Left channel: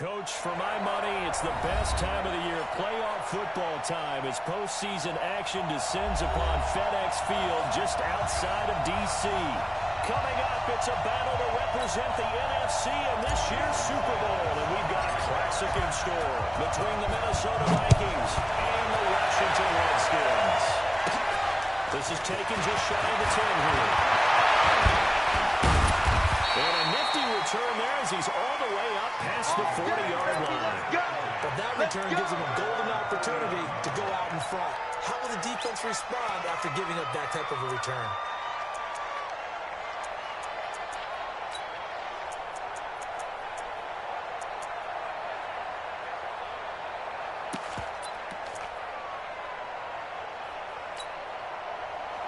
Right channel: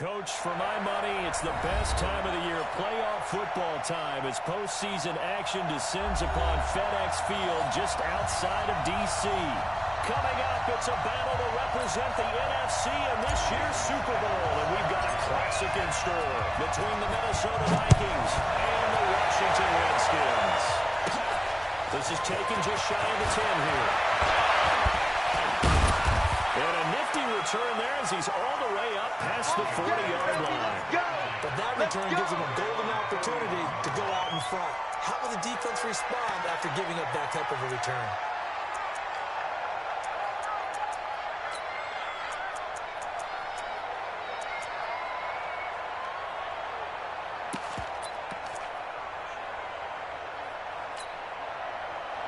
Coach, for my money, it's the best time of the year, playoff football time, as postseason action descends upon FedEx Field just outside of D.C. Coming up, it's a battle to represent the NFC in this year's Super Bowl, and we've got a classic in store between the Minnesota Vikings and the Washington Redskins. This is taken just shy of the 10 here. And a nifty return there as he's all the way up past the 40-yard line. But that return gives him a golden opportunity to go out in front. How will the defense respond after giving up that type of a return?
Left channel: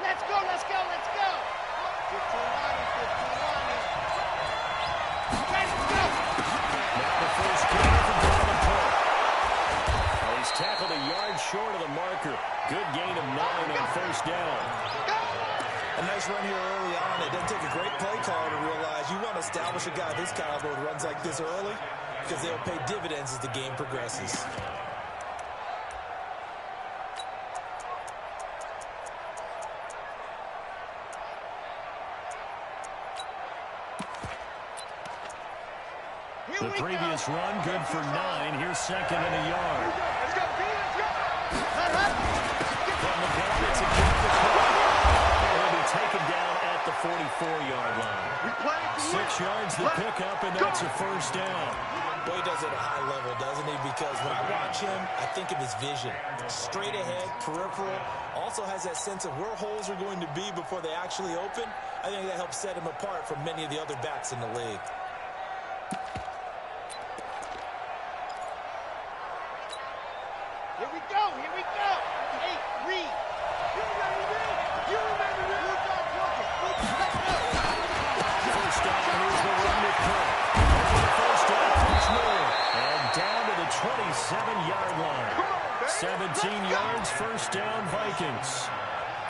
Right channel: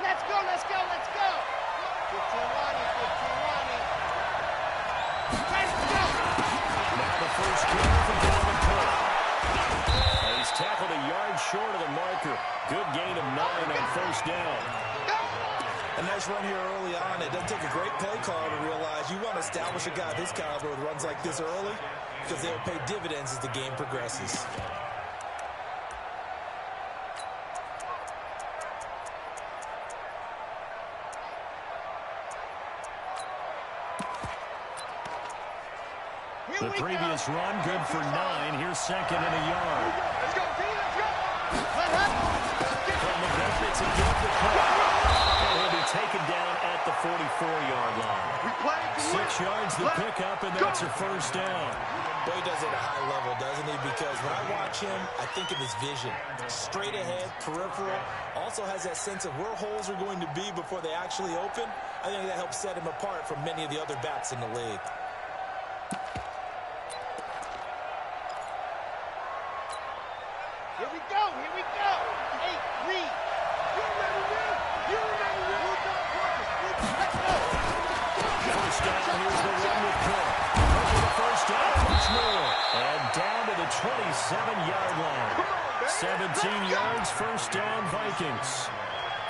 Let's go, let's go, let's go. 15-1, 15-1. Let's go! Now the first carry from Dalvin Cook. And he's tackled a yard short of the marker. Good gain of 9 on first down. A nice run here early on. It doesn't take a great play caller to realize you want to establish a guy this caliber with runs like this early because they'll pay dividends as the game progresses. The previous run, good for 9. Here's second and a yard. Let's go, B, let's go. From the gun, it's a give to Cook. And he'll be taken down at the 44-yard line. 6 yards the pickup, and that's a first down. Boy, he does it at a high level, doesn't he? Because when I watch him, I think of his vision. Straight ahead, peripheral. Also has that sense of where holes are going to be before they actually open. I think that helps set him apart from many of the other backs in the league. Here we go, here we go. 8, read. You remember me? You remember me? Let's go. First down, here's the run with Cook. Over the first down, much more. And down to the 27-yard line. 17 yards, first down, Vikings.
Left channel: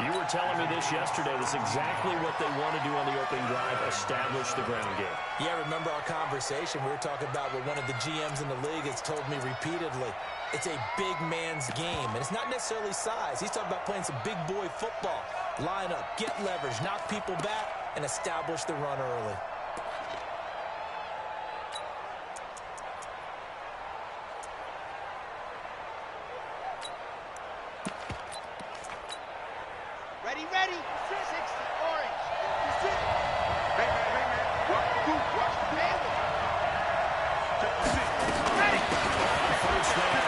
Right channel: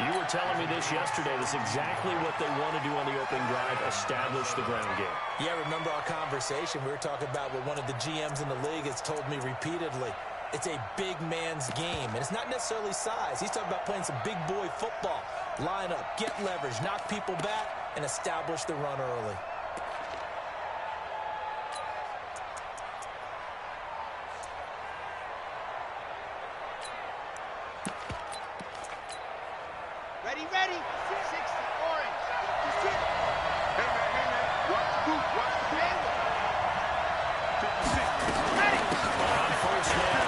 You were telling me this yesterday. This is exactly what they want to do on the opening drive, establish the ground game. Yeah, remember our conversation? We were talking about what one of the GMs in the league has told me repeatedly. It's a big man's game, and it's not necessarily size. He's talking about playing some big boy football. Line up, get leverage, knock people back, and establish the run early. Ready, ready. 60, orange. Hey, man. Watch the boot. Watch the boot. 56. Ready. On first down,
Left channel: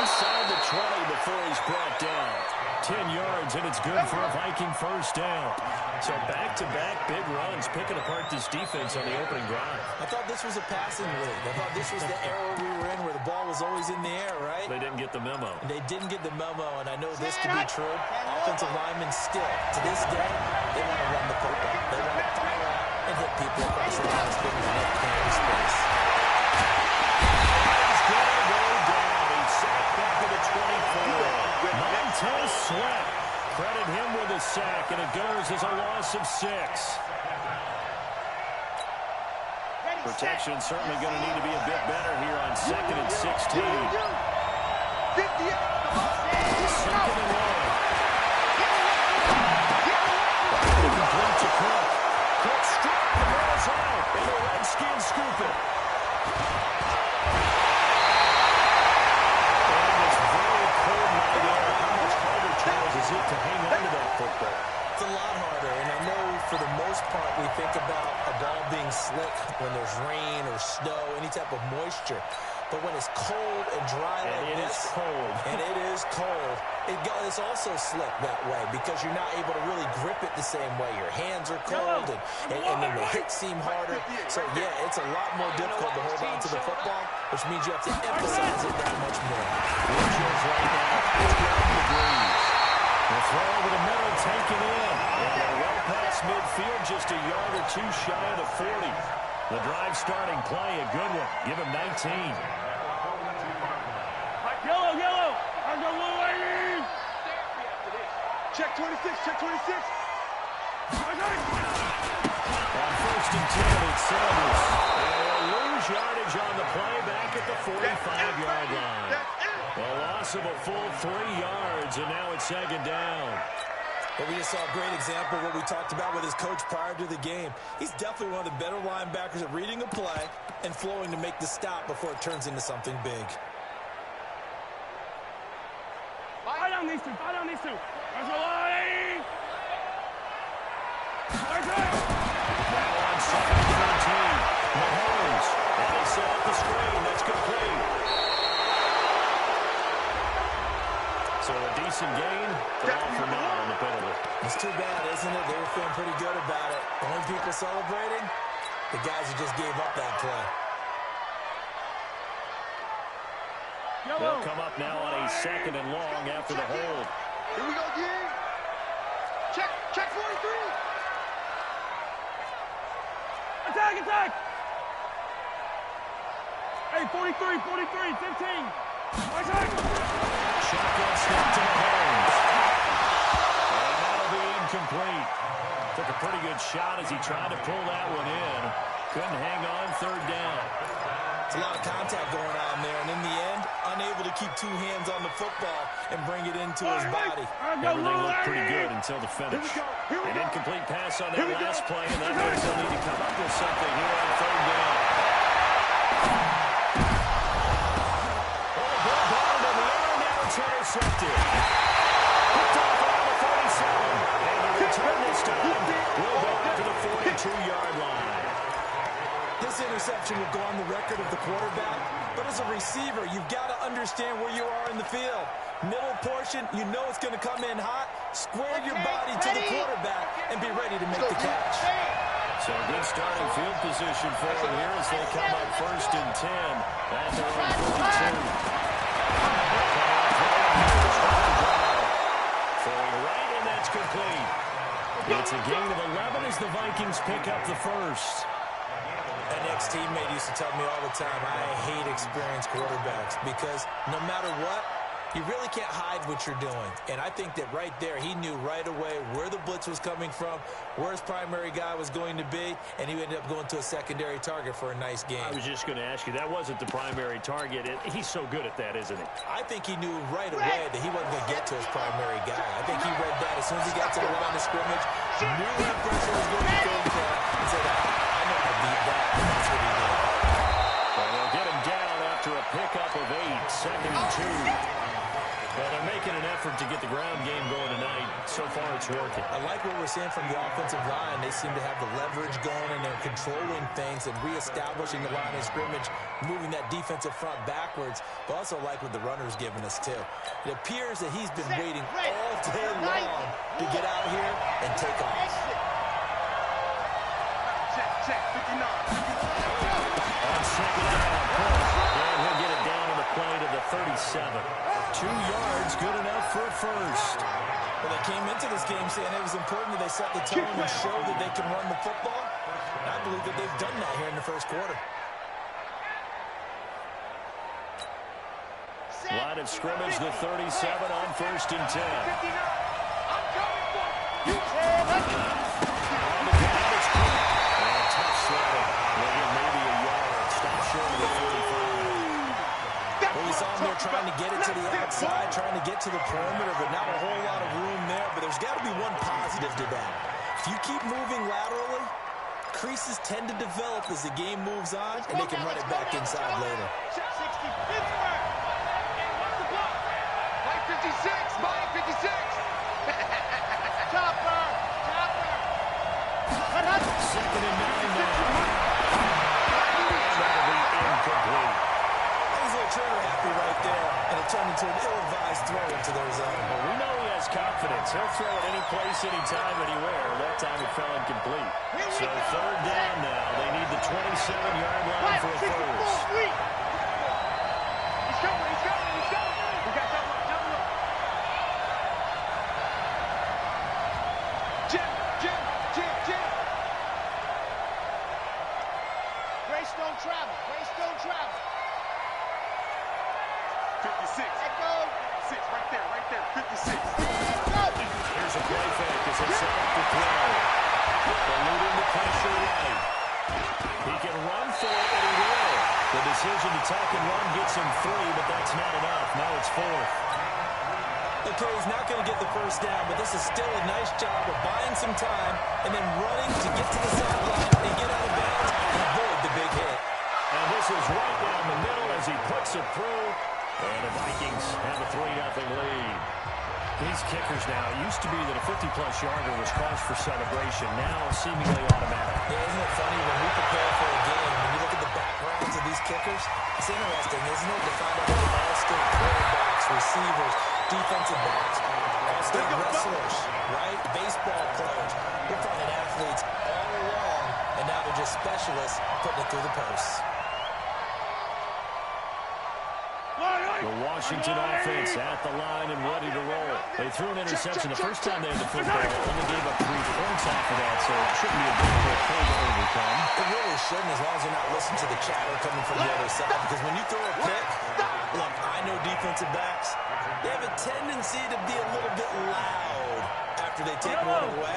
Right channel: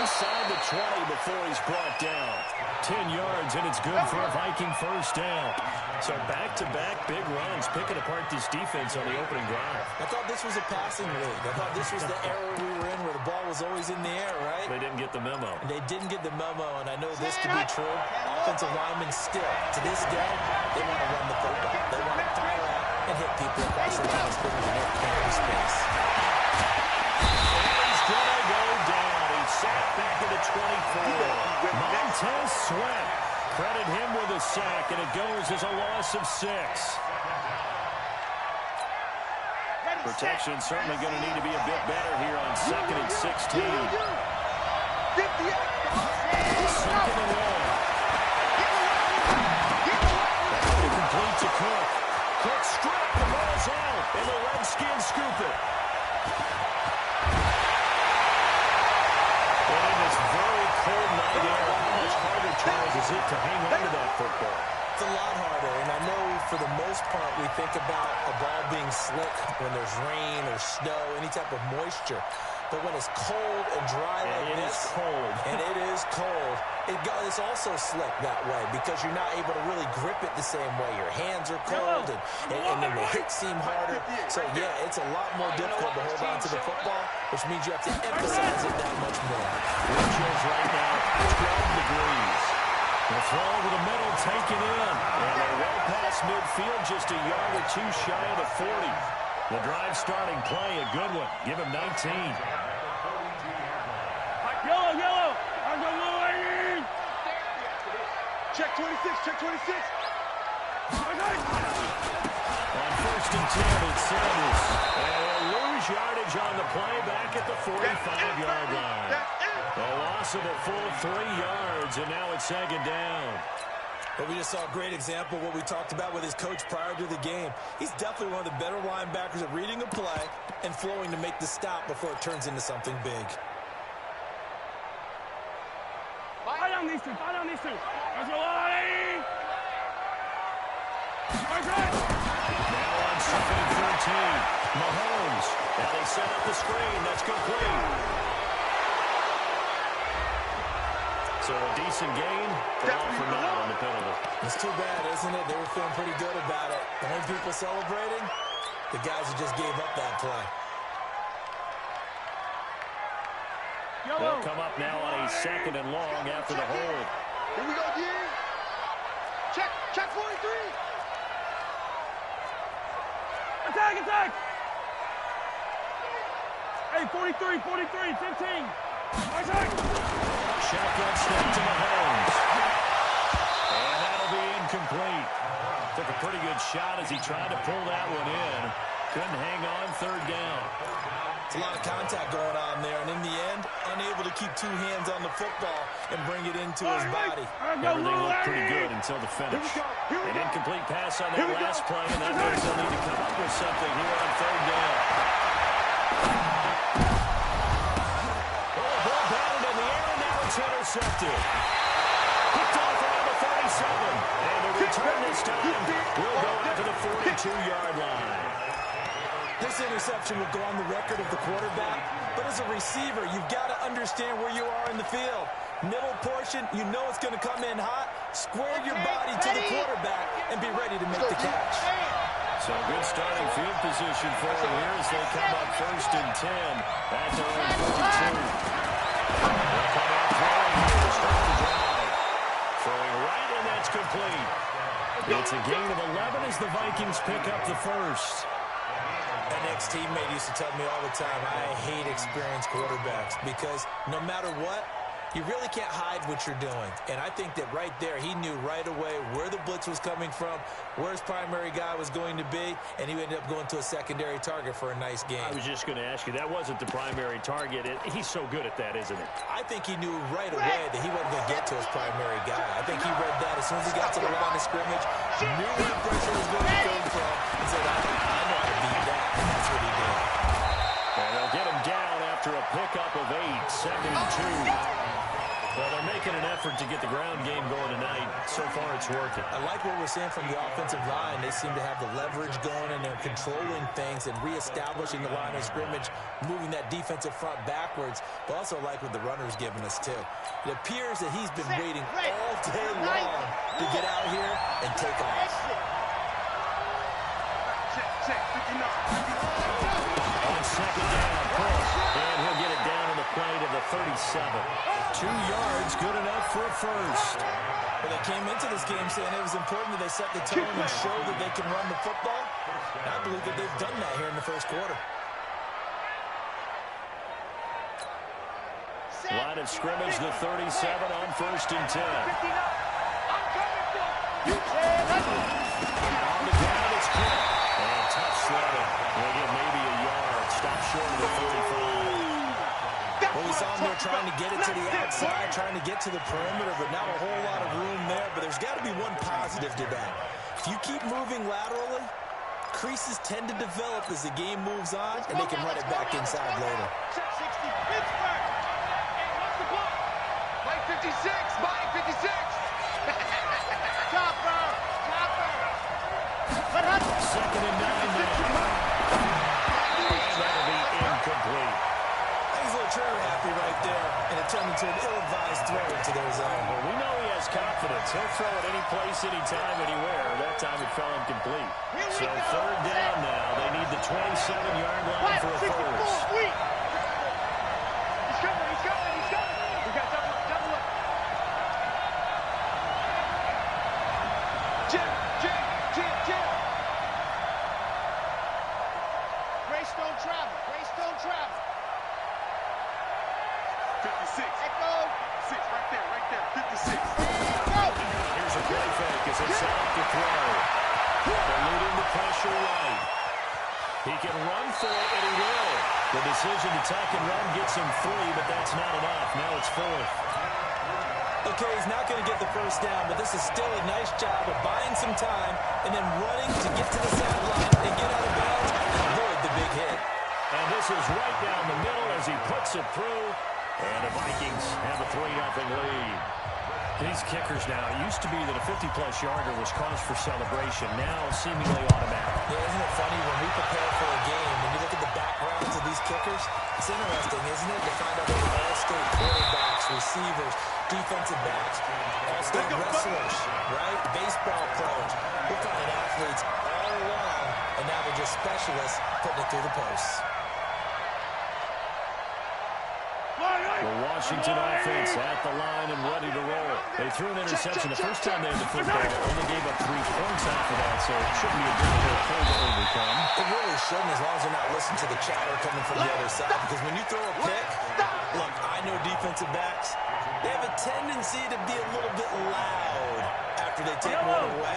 inside the 20 before he's brought down. 10 yards, and it's good for a Viking first down. So back-to-back big runs, picking apart this defense on the opening drive. I thought this was a passing league. I thought this was the era we were in where the ball was always in the air, right? They didn't get the memo. And they didn't get the memo, and I know this to be true. Offensive linemen still, to this day, they want to run the football. They want to fire out and hit people across the line, spinning the net carry space. He's going to go down. He's sacked back at the 24. Montez Sweat. Credit him with a sack, and it goes as a loss of 6. Protection certainly going to need to be a bit better here on 2nd and 16. 58. Second and 1. Complete to Cook. Cook struck, the ball's out, and the Redskins scoop it. And this very cold night air, how much harder, Charles, is it to hang on to that football? It's a lot harder, and I know for the most part we think about a ball being slick when there's rain or snow, any type of moisture. But when it's cold and dry like this, and it is cold, it's also slick that way because you're not able to really grip it the same way. Your hands are cold, and then the hits seem harder. So, yeah, it's a lot more difficult to hold on to the football, which means you have to emphasize it that much more. Wind chills right now, 12 degrees. The throw over the middle, taken in. And they're well past midfield, just a yard or two shy of the 40. The drive starting play, a good one. Give him 19. Yellow. I got little lady. Check 26. On 1st and 10, it's Sanders. And he'll lose lose yardage on the play back at the 45-yard line. A loss of a full 3 yards, and now it's second down. But we just saw a great example of what we talked about with his coach prior to the game. He's definitely one of the better linebackers at reading a play and flowing to make the stop before it turns into something big. Fire down these two. Fire down these two. There's a line. Now on 2nd and 13. Mahomes. And they set up the screen. That's complete. So a decent gain, but all for naught on the penalty. It's too bad, isn't it? They were feeling pretty good about it. The only people celebrating, the guys who just gave up that play. They'll come up now on a 2nd and long after the hold. Here we go, D. Check 43. Attack. Hey, 43, 15. Attack. Shotgun snap to Mahomes. And that'll be incomplete. Took a pretty good shot as he tried to pull that one in. Couldn't hang on 3rd down. It's a lot of contact going on there, and in the end, unable to keep 2 hands on the football and bring it into his body. Everything looked pretty good until the finish. An incomplete pass on that last play, and that means they'll need to come up with something here on 3rd down. Intercepted. Picked off around the 37. And the return this time will go out to the 42-yard line. This interception will go on the record of the quarterback, but as a receiver, you've got to understand where you are in the field. Middle portion, you know it's going to come in hot. Square your body to the quarterback and be ready to make the catch. So good starting field position for him here as they come up 1st and 10 at their own 42. They'll come out throwing here to start the drive. Throwing right, and that's complete. It's a gain of 11 as the Vikings pick up the first. An ex-teammate used to tell me all the time, I hate experienced quarterbacks because no matter what, you really can't hide what you're doing. And I think that right there, he knew right away where the blitz was coming from, where his primary guy was going to be, and he ended up going to a secondary target for a nice game. I was just going to ask you, that wasn't the primary target. He's so good at that, isn't he? I think he knew right away that he wasn't going to get to his primary guy. I think he read that as soon as he got to the line of scrimmage, knew where the pressure was going to come from, and said, I know how to beat that, and that's what he did. And they'll get him down after a pickup of 8, 2nd and 2. Well, they're making an effort to get the ground game going tonight. So far, it's working. I like what we're seeing from the offensive line. They seem to have the leverage going, and they're controlling things and reestablishing the line of scrimmage, moving that defensive front backwards, but also like what the runner's giving us, too. It appears that he's been waiting all day long to get out here and take off. Check, 59. On 2nd down, push, and he'll get it down on the play to the 37. 2 yards, good enough for a first. Well, they came into this game saying it was important that they set the tone and show that they can run the football. And I believe that they've done that here in the first quarter. Line of scrimmage, the 37 on 1st and 10. I'm coming for you. On the ground, it's quick. And tough sledding. They'll get maybe a yard. Stop short of the 45. Well, we saw him there trying to get it to the outside, trying to get to the perimeter, but not a whole lot of room there. But there's got to be one positive to that. If you keep moving laterally, creases tend to develop as the game moves on, and they can run it back inside later. Check 60, Pittsburgh. And what's the block? Mike 56, Mike 56. Chopper. 2nd and 9 now. And that'll be incomplete. He's a little trigger happy right there, and it turned into an ill-advised throw into their zone. Well, we know he has confidence. He'll throw it any place, anytime, anywhere. That time it fell incomplete. So 3rd down now. They need the 27-yard line for a first. He's coming. We got double up. Jim. Grace don't travel. 56. Echo. 6, right there. 56. Here's a play fake as they set up the throw. Eluding the pressure right. He can run for it, and he will. The decision to tuck and run gets him 3, but that's not enough. Now it's 4th. Okay, he's not going to get the first down, but this is still a nice job of buying some time and then running to get to the sideline and get out of bounds and avoid the big hit. And this is right down the middle as he puts it through. And the Vikings have a 3-0 lead. These kickers now, it used to be that a 50-plus yarder was cause for celebration. Now, seemingly automatic. Yeah, isn't it funny when we prepare for a game, when you look at the backgrounds of these kickers, it's interesting, isn't it, to find out they're all-state quarterbacks, receivers, defensive backs, all-state wrestlers, right? Baseball players. We're finding athletes all along, and now they're just specialists putting it through the posts. The Washington offense at the line and ready to roll. They threw an interception the first time they had the football. Only gave up 3 points off of that, so it shouldn't be a difficult play to overcome. It really shouldn't, as long as you're not listening to the chatter coming from the other side. Because when you throw a pick, look, I know defensive backs, they have a tendency to be a little bit loud after they take one away.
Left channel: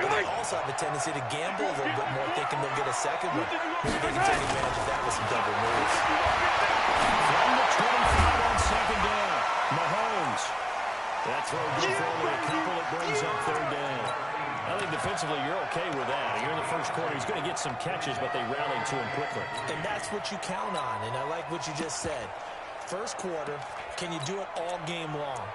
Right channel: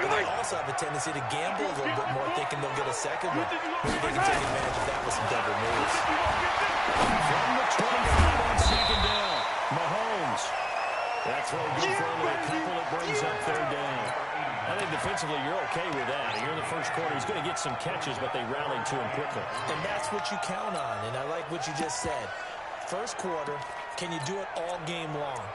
But they also have a tendency to gamble a little bit more, thinking they'll get a second one. Maybe they can take advantage of that with some double moves. From the 25 on second down, Mahomes. That throw good for only a couple. It brings up 3rd down. I think defensively you're okay with that. Here in the first quarter, he's going to get some catches, but they rallied to him quickly. And that's what you count on, and I like what you just said. First quarter, can you do it all game long?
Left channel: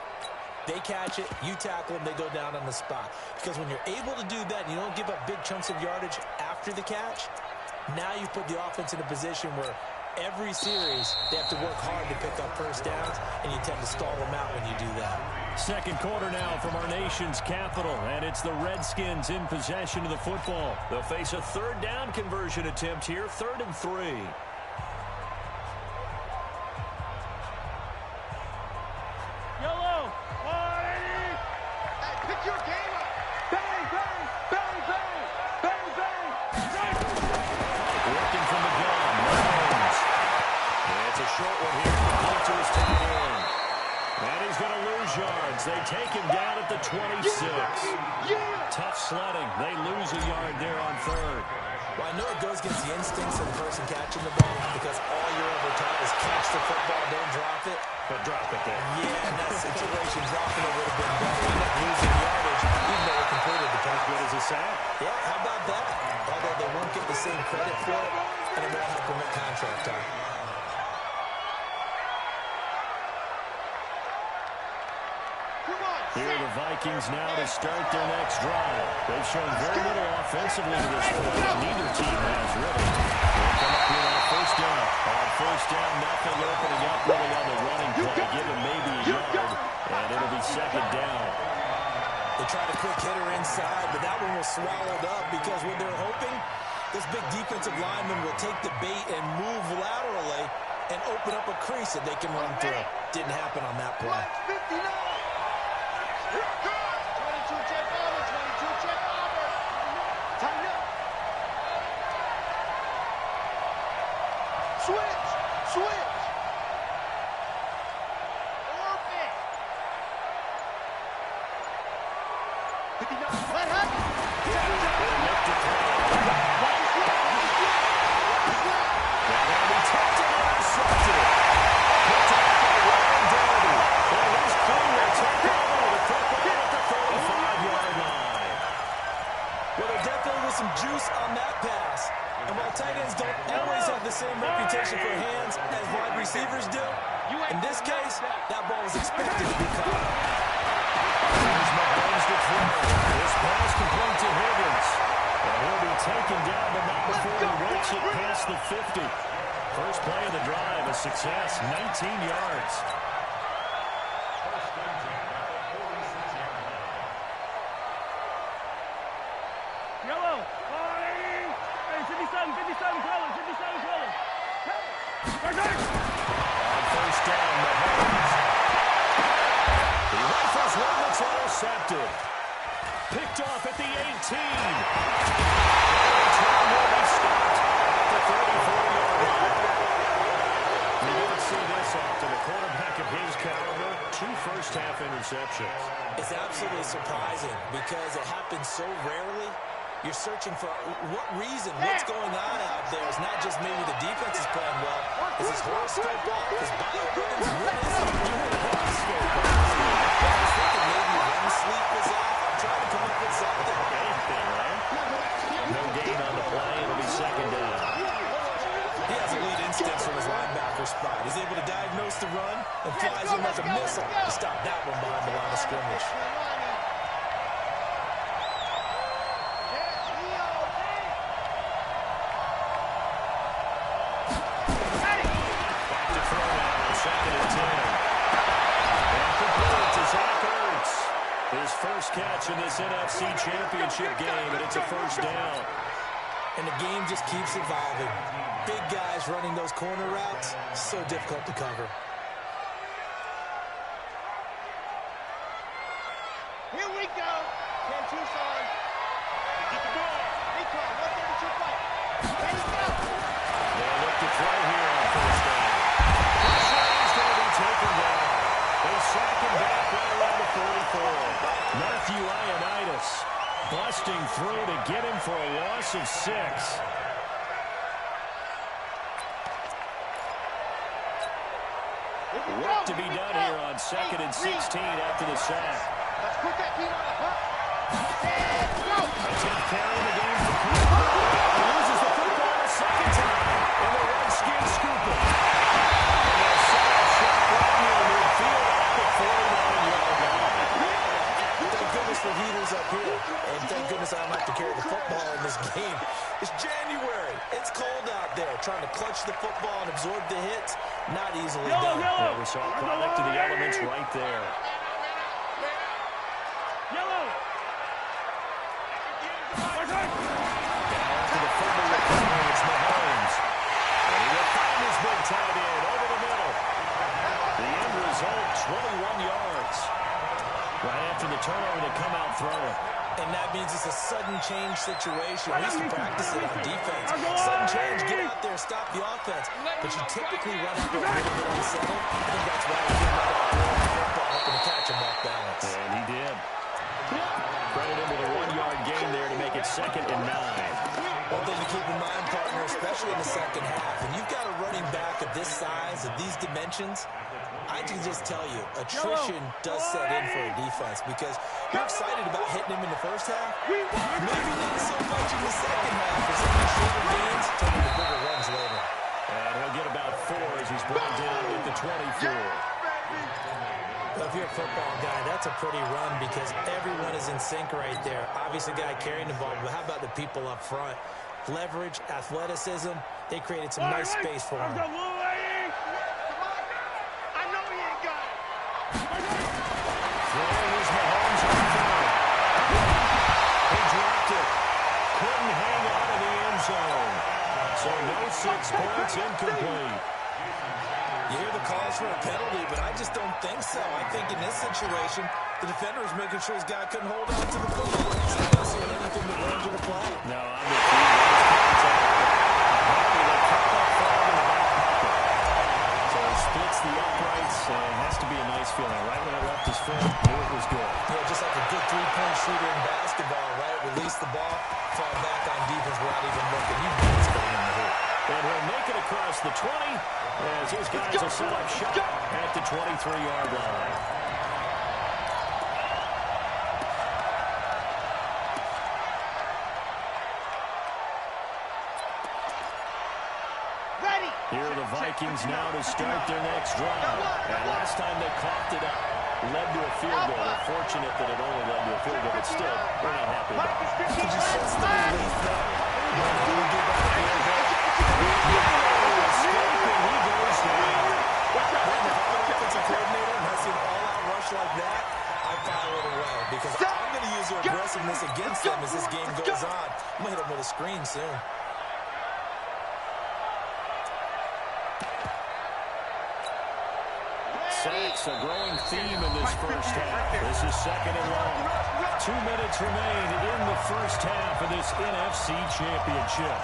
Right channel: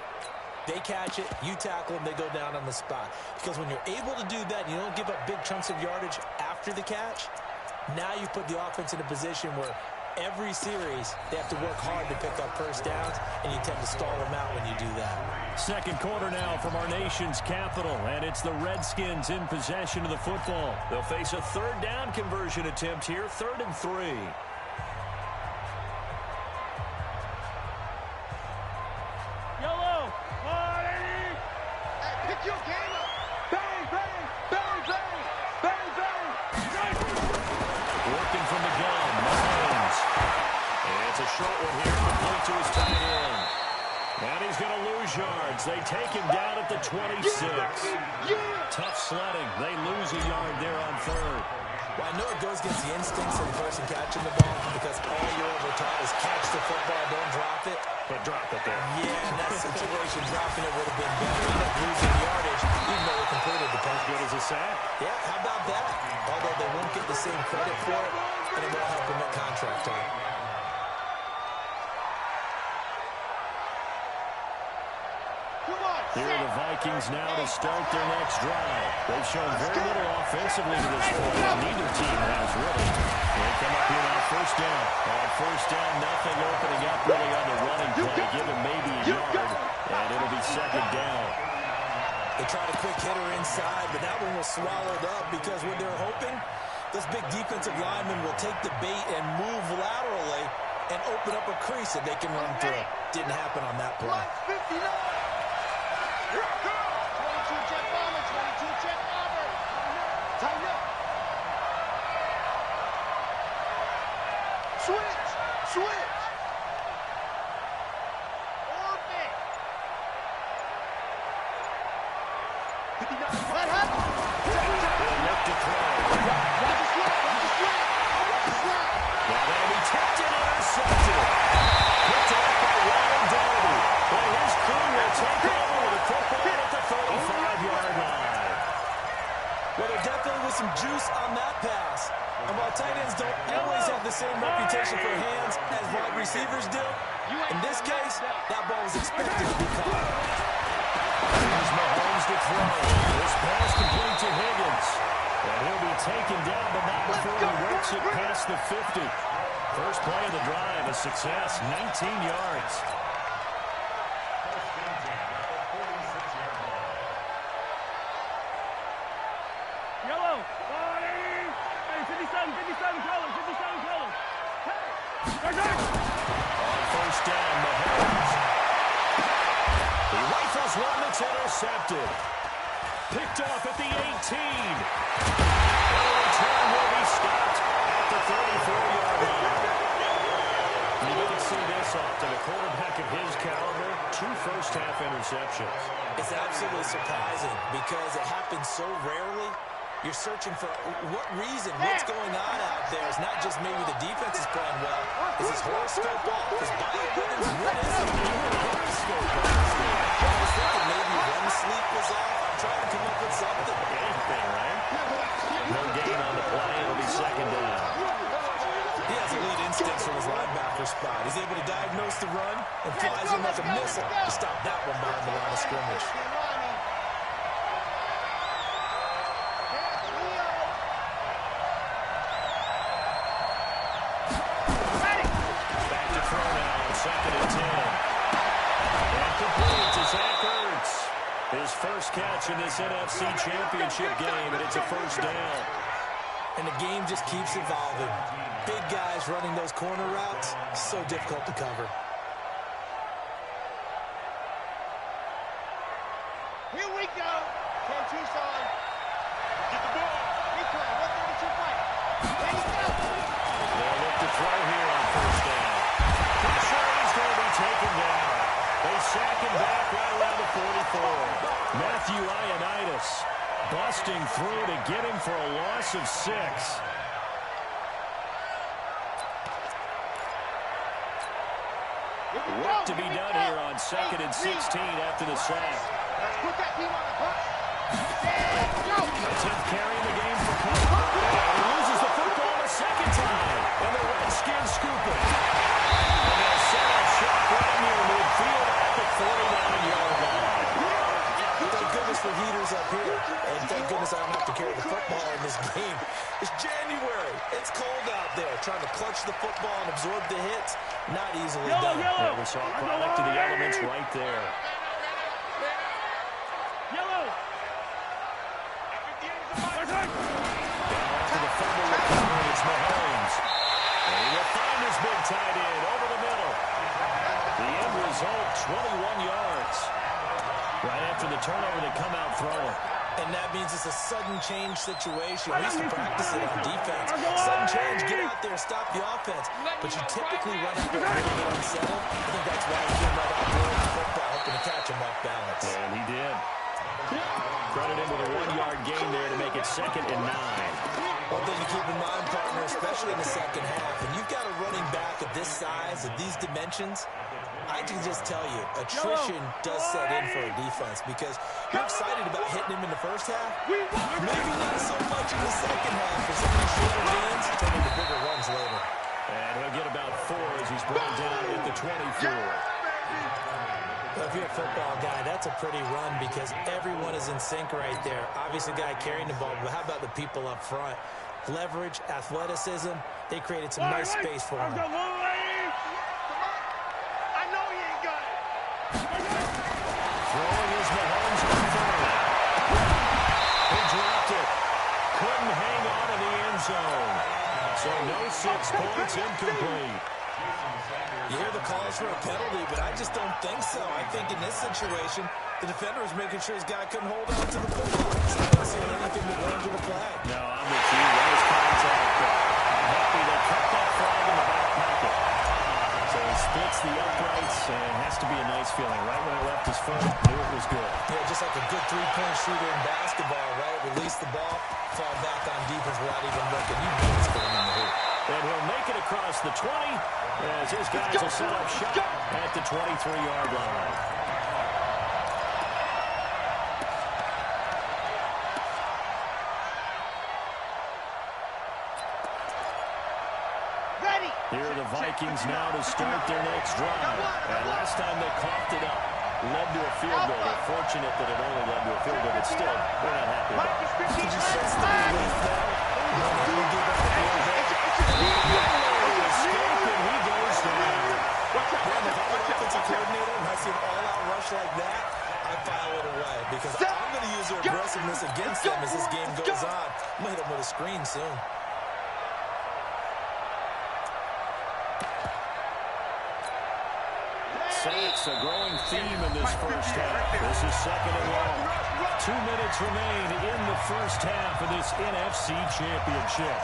They catch it, you tackle them, they go down on the spot. Because when you're able to do that and you don't give up big chunks of yardage after the catch, now you put the offense in a position where every series they have to work hard to pick up first downs, and you tend to stall them out when you do that. Second quarter now from our nation's capital, and it's the Redskins in possession of the football. They'll face a 3rd down conversion attempt here, 3rd and 3. Yellow, 180. Hey, pick your game up. Bang, bang, bang, bang, bang, bang. Working from the gun, Mahomes. It's a short one here, complete to his tight end. And he's going to lose yards. They take him down at the 26. Tough sledding. They lose a yard there on 3rd. Well, I know it goes against the instincts of the person catching the ball because all you're ever taught is catch the football, don't drop it. But drop it there. Yeah, in that situation, dropping it would have been better. You end up losing yardage, even though it completed the pass. Good as a sack. Yeah, how about that? Although they won't get the same credit for it, and it won't help them at contract time. Here are the Vikings now to start their next drive. They've shown very little offensively to this point. Neither team has really. They come up here on 1st down. On 1st down, nothing opening up really on the running play. Give him maybe a yard, and it'll be 2nd down. They tried a quick hitter inside, but that one was swallowed up because what they're hoping, those big defensive linemen will take the bait and move laterally and open up a crease that they can run through. Didn't happen on that play. 59. 22 jet bomber, 22 jet bomber. Tighten up. Switch, switch. Orbit. 59. What happened? Look to throw. Watch the slap, watch the slap. Watch the slap. Now that'll be tipped and intercepted. Picked up by Ryan Doherty. Well, his crew will take over with the football at the 35-yard line. Well, there definitely was some juice on that pass. And while tight ends don't always have the same reputation for hands as wide receivers do, in this case, that ball was expected to be caught. Here's Mahomes to throw. This pass complete to Higgins. And he'll be taken down, but not before he works it past the 50. First play of the drive, a success, 19 yards. Yellow, 180. Hey, 57 colors, 57 colors. Hey, On 1st down, Mahomes. He rifles one that's intercepted. Picked off at the 18. The return will be stopped at the 34-yard line. You don't see this often. A quarterback of his caliber, 2 first-half interceptions. It's absolutely surprising because it happens so rarely. You're searching for what reason, what's going on out there. It's not just maybe the defense is playing well. Is his horoscope off? His biorhythms? What is it? You heard horoscope off. I was thinking maybe REM sleep was off. I'm trying to come up with something. Anything, right? No gain on the play. It'll be second down. He has elite instincts from his linebacker spot. He's able to diagnose the run and flies in like a missile to stop that one behind the line of scrimmage. Back to throw now on 2nd and 10. And complete to Zach Ertz. His first catch in this NFC Championship game, and it's a first down. And the game just keeps evolving. Big guys running those corner routes, so difficult to cover. Here we go. 10 Tucson. Get the ball. Recon, 132 fight. Ready, go. They'll look to throw here on first down. Pressure is going to be taken down. They sack him back right around the 44. Matthew Ioannidis busting through to get him for a loss of 6. Work to be done here on 2nd and 16 after the sack. Let's put that team on the hunt. Let's go. A 10th carry in the game for Cook. He loses the football a second time. And the Redskins scoop it. And they'll set up shop right near midfield at the 49-yard line. Thank goodness for heaters up here. And thank goodness I don't have to carry the football in this game. It's January. It's cold out there. Trying to clutch the football and absorb the hits, not easily done. Yeah, we saw a product of the elements right there. Yellow. Down to the fumble recovery. It's Mahomes. And he will find his big tight end over the middle. The end result, 21 yards. Right after the turnover, they come out throwing. And that means it's a sudden change situation. We used to practice it on defense. Sudden change, get out there, stop the offense. But you typically run out there a little bit unsettled. I think that's why he came right out there with the football, hoping to catch him off balance. And he did. Credit him with a 1-yard gain there to make it 2nd and 9. One thing to keep in mind, partner, especially in the second half, and you've got a running back of this size, of these dimensions, I can just tell you, attrition does set in for a defense because you're excited about hitting him in the first half. Maybe not so much in the second half for some of the shorter gains, turning to bigger runs later. And he'll get about 4 as he's brought down at the 24. Well, if you're a football guy, that's a pretty run because everyone is in sync right there. Obviously, the guy carrying the ball, but how about the people up front? Leverage, athleticism, they created some nice space for him. Throwing is Mahomes on third. He dropped it. Couldn't hang on in the end zone. So no 6 points, incomplete. You hear the calls for a penalty, but I just don't think so. I think in this situation, the defender was making sure his guy couldn't hold on to the football. He's not seeing anything that ran to the flag. No, I'm with you. That was contact, but I'm happy they kept that flag in the back pocket. So he splits the uprights, and it has to be a nice feeling. Right when it left his foot, knew it was good. Yeah, just like a good three-point shooter in basketball, right? Release the ball, fall back on defense without even looking. You know it's going in the hoop. And he'll make it across the 20 as his guys will set up shop at the 23-yard line. Here are the Vikings now to start their next drive. And last time they coughed it up, led to a field goal. They're fortunate that it only led to a field goal, but still, we're not happy about it. Did you sense the relief there? He goes down. Man, if I'm an offensive coordinator and I see an all-out rush like that, I file it away because I'm going to use their aggressiveness against them as this game goes on. I'm going to hit them with a screen soon. Sacks, a growing theme in this first half. This is 2nd and long. 2 minutes remain in the first half of this NFC Championship.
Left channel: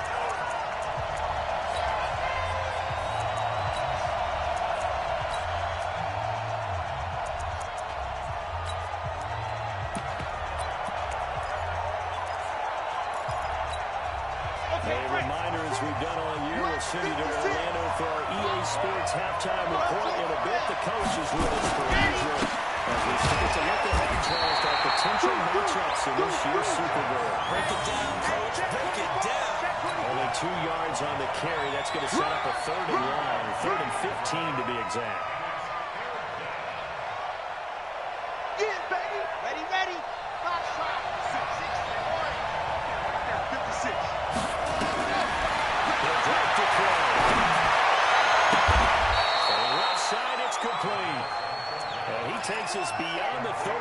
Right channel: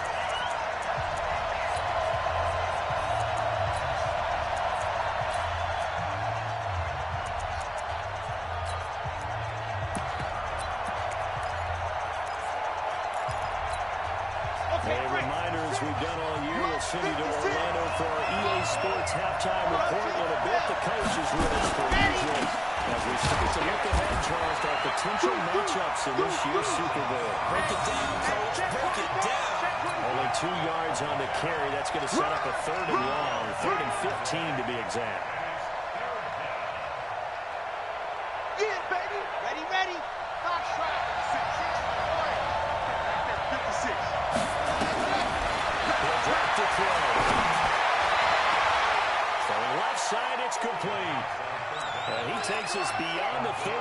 A reminder, as we've done all year, we'll send you to Orlando for our EA Sports halftime report in a bit. The coach is with us per usual as we start to look ahead, Charles, to our potential matchups in this year's Super Bowl. Break it down, Coach. Break it down. Only 2 yards on the carry. That's going to set up a 3rd and long, 3rd and 15 to be exact. Yeah, baby. Ready, ready. Fox trot. 6, orange. Right there, 56. He'll drop to throw. From left side, it's complete. And he takes us beyond the 35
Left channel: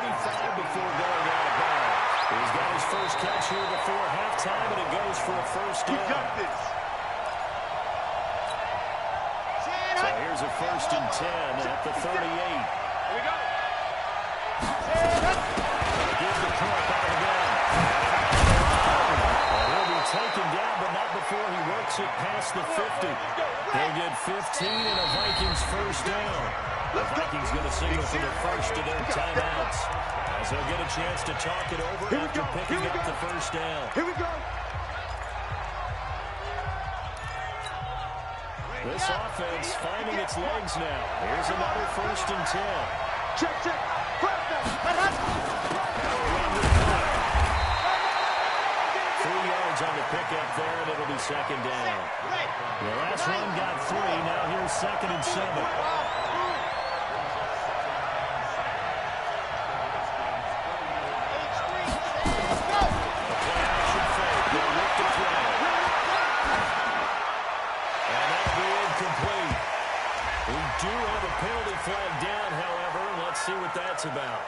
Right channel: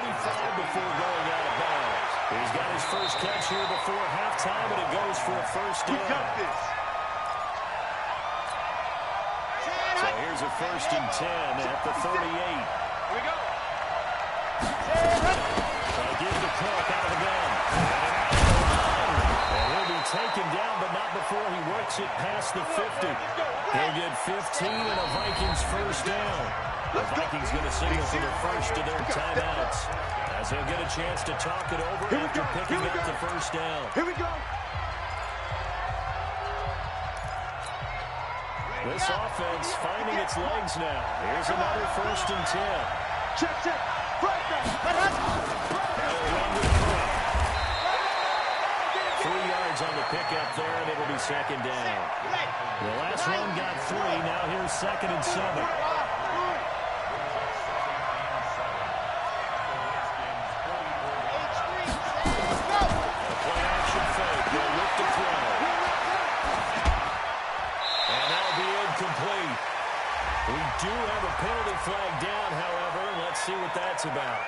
before going out of bounds. He's got his first catch here before halftime, and it goes for a 1st down. We got this. So here's a 1st and 10 at the 38. Here we go. Give the puck out of the gun. And he'll be taken down, but not before he works it past the 50. He'll get 15 and a Vikings 1st down. The Vikings going to signal for the first of their timeouts as they'll get a chance to talk it over after picking up the 1st down. Here we go. This offense finding its legs now. Here's another 1st and 10. Check. They'll run the clock. 3 yards on the pickup there, and it'll be 2nd down. The last run got 3. Now here's 2nd and 7. We do have a penalty flag down, however. Let's see what that's about.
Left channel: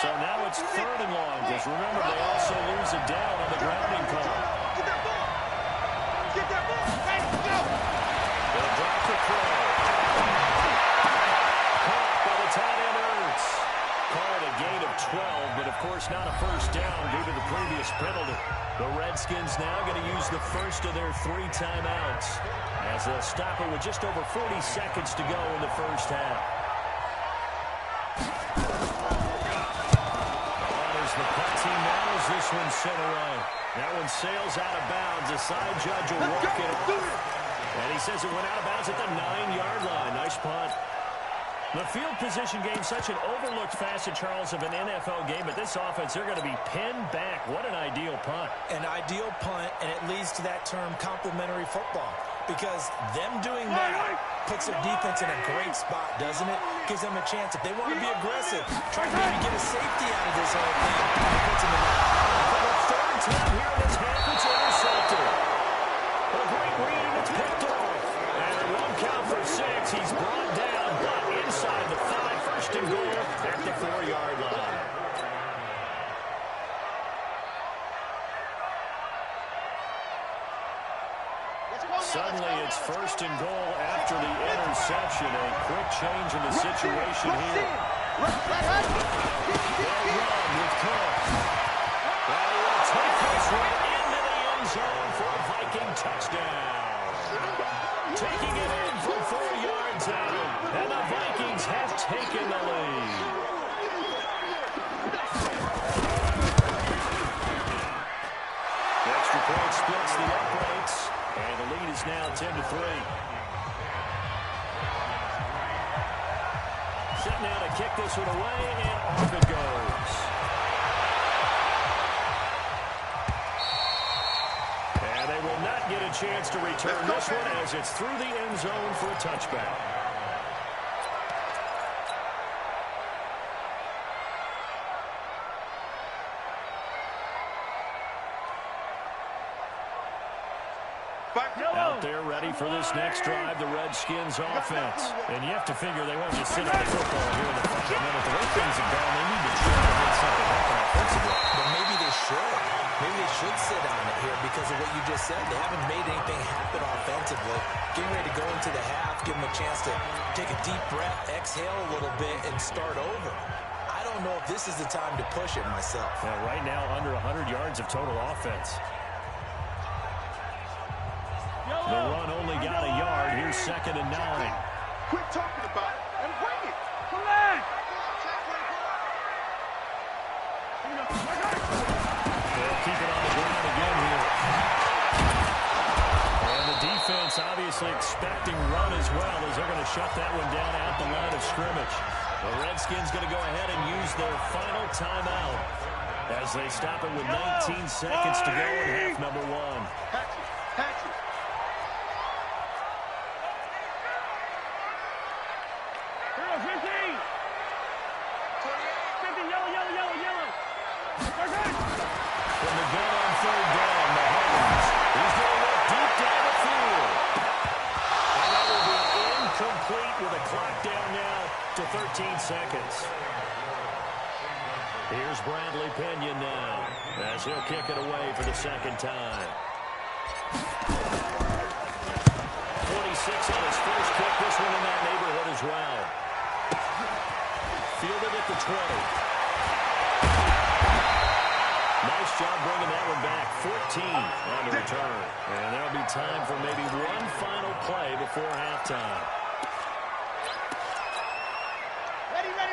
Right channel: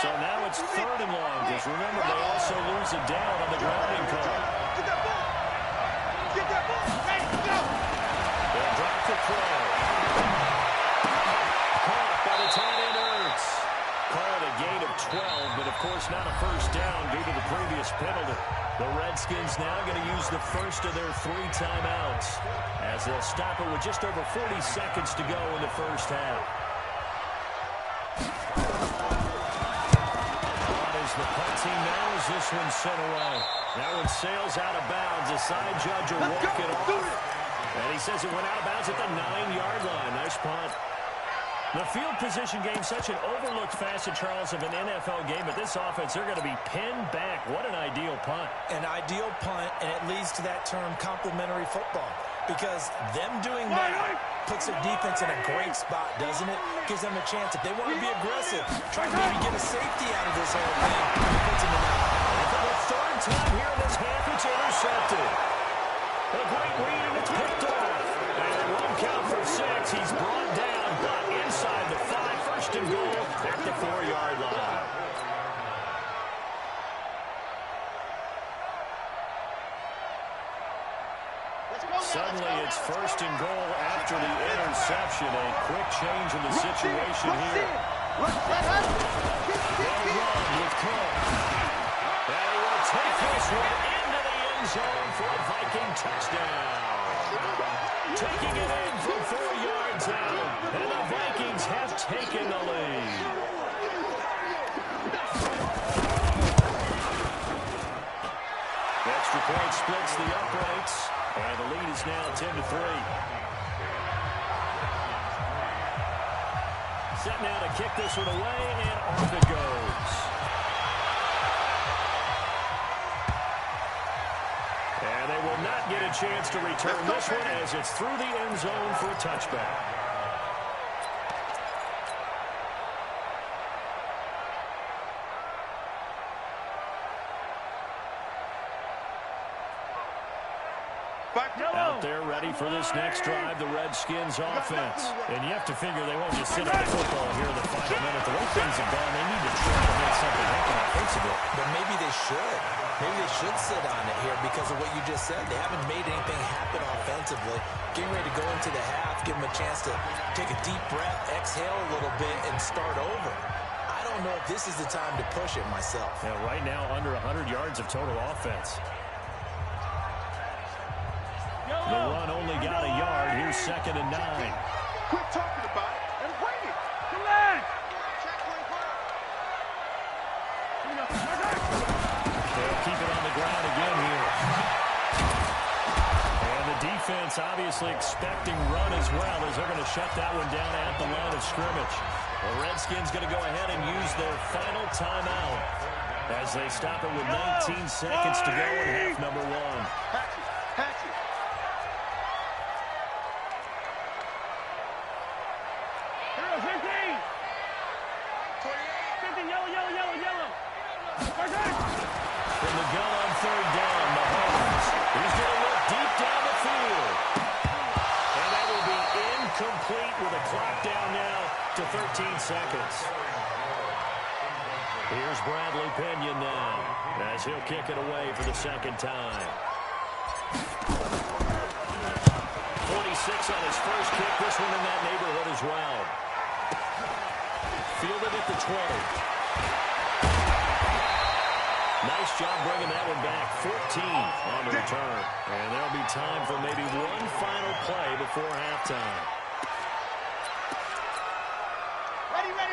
So now it's 3rd and long, because remember, they also lose a down on the grounding call. Get that ball. Get that ball. Ready, go. They'll drop the throw. Caught by the tight end, Ertz. Call it a gain of 12, but of course not a 1st down due to the previous penalty. The Redskins now going to use the first of their 3 timeouts as they'll stop it with just over 40 seconds to go in the 1st half. On as the punt team now as this one sent away. That one sails out of bounds. The side judge will walk it off. And he says it went out of bounds at the 9-yard line. Nice punt. The field position game, such an overlooked facet, Charles, of an NFL game, but this offense, they're going to be pinned back. What an ideal punt. An ideal punt, and it leads to that term complementary football, because them doing that puts their defense in a great spot, doesn't it? Gives them a chance. If they want to be aggressive, try to maybe get a safety out of this whole thing. It puts them in that. For the 3rd time here in this half, it's intercepted. A great read, and it's picked off. And it won't count for 6. He's brought down, but inside the 5, 1st and goal at the 4-yard line. Suddenly it's 1st and goal after the interception. A quick change in the situation here. They'll run with Cook. And he will take this one into the end zone for a Viking touchdown. Taking it in from 4 yards out, and the Vikings have taken the lead. The extra point splits the uprights, and the lead is now 10-3. Set now to kick this one away, and off it goes. And they will not get a chance to return this one as it's through the end zone for a touchback. Out there ready for this next drive, the Redskins offense. And you have to figure they won't just sit on the football here in the final minute. The way things have gone, they need to try to make something happen offensively. But maybe they should. Maybe they should sit on it here because of what you just said. They haven't made anything happen offensively. Getting ready to go into the half, give them a chance to take a deep breath, exhale a little bit, and start over. I don't know if this is the time to push it myself. Yeah, right now under 100 yards of total offense. The run only got a yard. Here's 2nd and 9. Quit talking about it and bring it. Come on. They'll keep it on the ground again here. And the defense obviously expecting run as well, as they're going to shut that one down at the line of scrimmage. The Redskins going to go ahead and use their final timeout as they stop it with 19 seconds to go in half number 1. Hatch it. Hero 15. 15, yellow. From the gun on 3rd down, Mahomes. He's going to look deep down the field. And that will be incomplete with a clock down now to 13 seconds. Here's Bradley Pinion now as he'll kick it away for the 2nd time. 46 on his first kick. This one in that neighborhood as well. Fielded at the 20. Nice job bringing that one back. 14 on the return. And there'll be time for maybe one final play before halftime.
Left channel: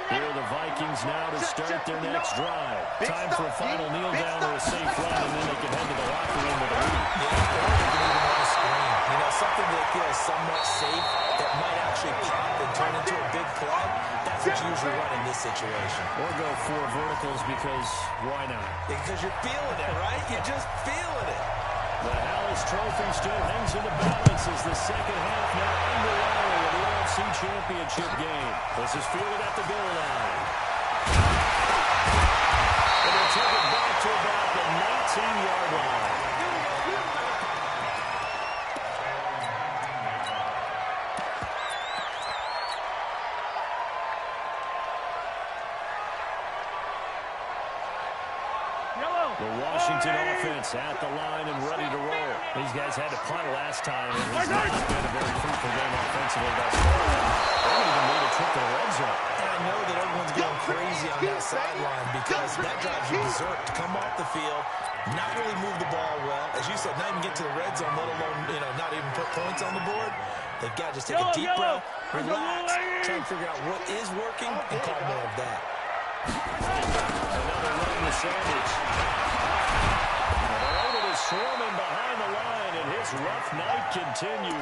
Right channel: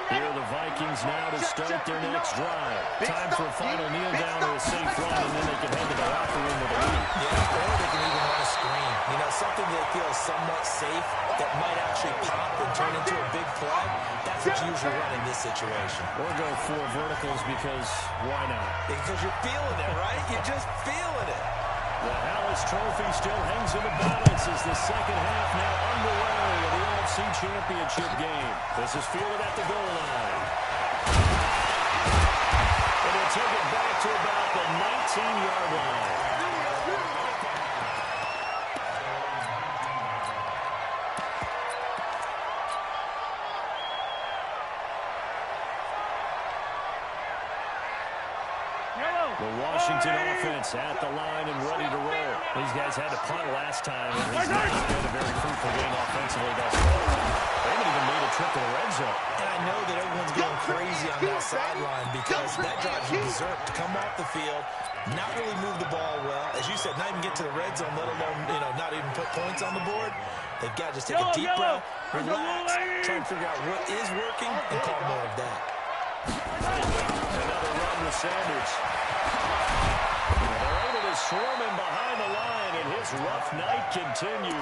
Here are the Vikings now to start their next drive. Time for a final kneel down or a safe run, and then they can head to the locker room with a lead. Yeah, or they can even run a screen. You know, something they feel somewhat safe that might actually pop and turn into a big play. That's what you usually run in this situation. Or go 4 verticals because why not? Because you're feeling it, right? You're just feeling it. The Hallis Trophy still hangs in the balance as the second half now underway of the NFC Championship game. This is fielded at the goal line. And they'll take it back to about the 19-yard line. The Washington offense at the line and ready to roll. These guys had to punt last time, and it's not been a very fruitful game offensively thus far. They haven't even made a trip to the red zone. And I know that everyone's going crazy on that sideline because that drives you berserk to come off the field, not really move the ball well. As you said, not even get to the red zone, let alone, not even put points on the board. They've got to just take a deep breath, relax, try and figure out what is working, and call more of that. Another run with Sanders. They're able to swarm him behind the line, and his rough night continues.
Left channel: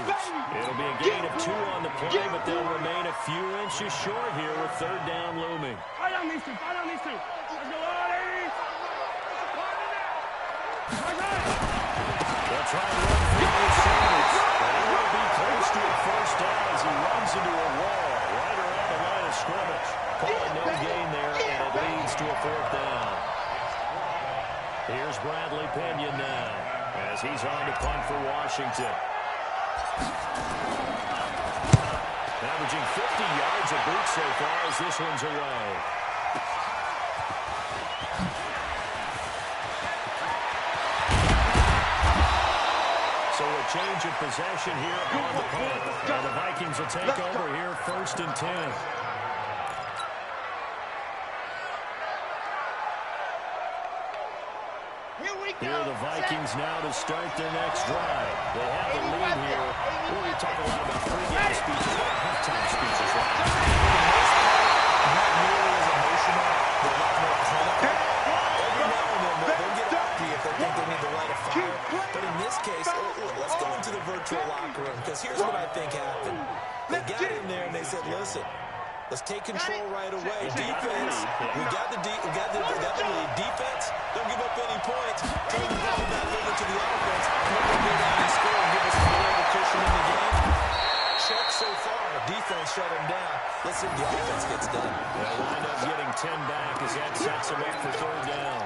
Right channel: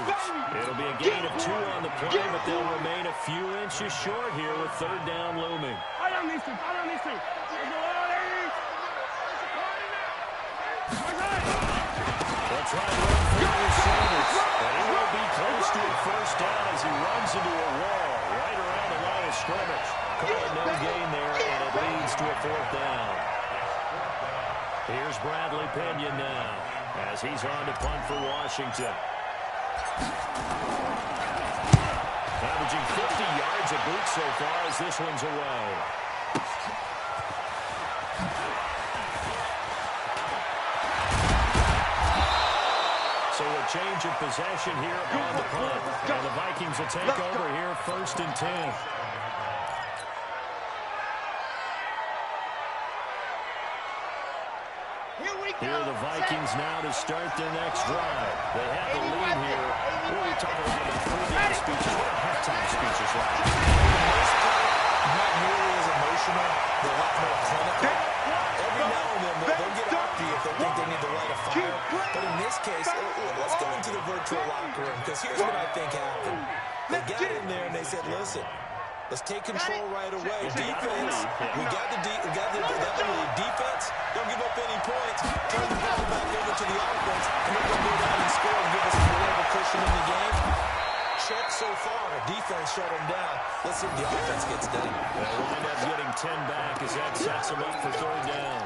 It'll be a gain of 2 on the play, but they'll remain a few inches short here with 3rd down looming. Fight on these two. Let's go, ladies. They'll try and run through with Sanders, but he will be close to a 1st down as he runs into a wall right around the line of scrimmage. Call it no gain there, and it leads to a 4th down. Here's Bradley Pinion now as he's on to punt for Washington. Averaging 50 yards a boot so far as this one's away. So a change of possession here on the punt. And the Vikings will take over here 1st and 10. Here are the Vikings now to start their next drive. They have the lead here. Well, we talk a lot about pregame speeches. What are halftime speeches like? For the most part, not nearly as emotional. They're a lot more clinical. Every now and then, they'll get after you if they think they need to light a fire. But in this case, let's go into the virtual locker room, because here's what I think happened. They got in there and they said, listen, let's take control right away. Defense, we got the lead. Defense, don't give up any points. Turn the ball back over to the offense, and they're going to go down and score and give us more of a cushion in the game. Check so far. Defense shut them down. Let's see if the offense gets done. They'll wind up getting 10 back as that sets them up for 3rd down.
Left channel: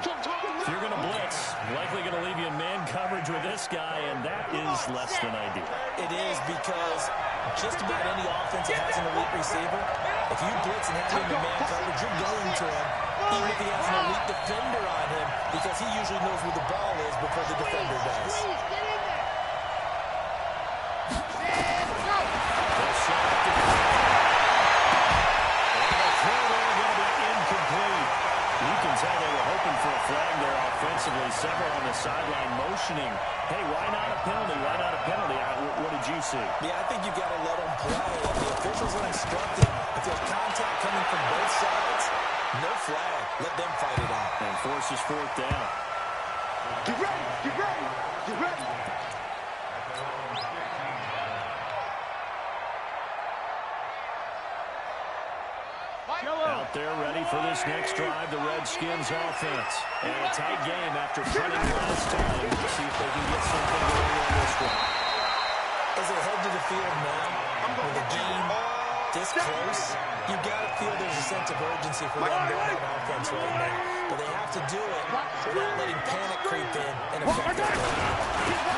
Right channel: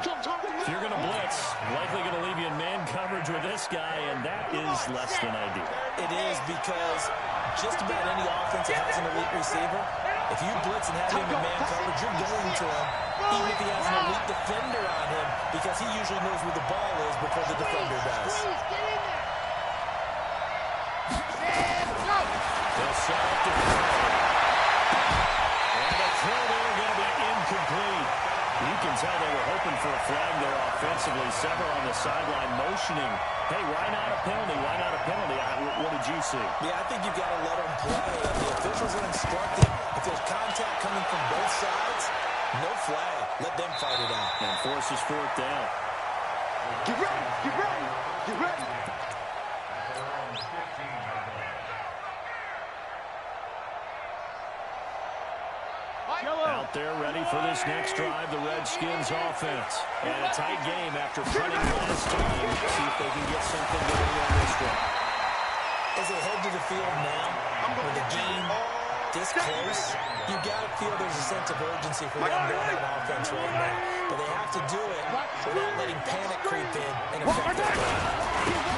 If you're going to blitz, likely going to leave you in man coverage with this guy, and that is less than ideal. It is, because just about any offense that has an elite receiver, if you blitz and have him in man coverage, you're going to him, even if he has an elite defender on him, because he usually knows where the ball is before the defender does. They'll set up to throw. And the throw there going to be incomplete. You can tell they were hoping for a flag there offensively. Several on the sideline motioning, hey, why not a penalty? Why not a penalty? What did you see? Yeah, I think you've got to let them play. And the officials are instructing, if there's contact coming from both sides, no flag. Let them fight it out. And forces fourth down. Get ready, get ready, get ready. Out there ready for this next drive, the Redskins offense. And a tight game after punting last time. See if they can get something going on this one. As they head to the field now, with the game this close, you've got to feel there's a sense of urgency for them going on offense right now. But they have to do it without letting panic creep in and affect their play.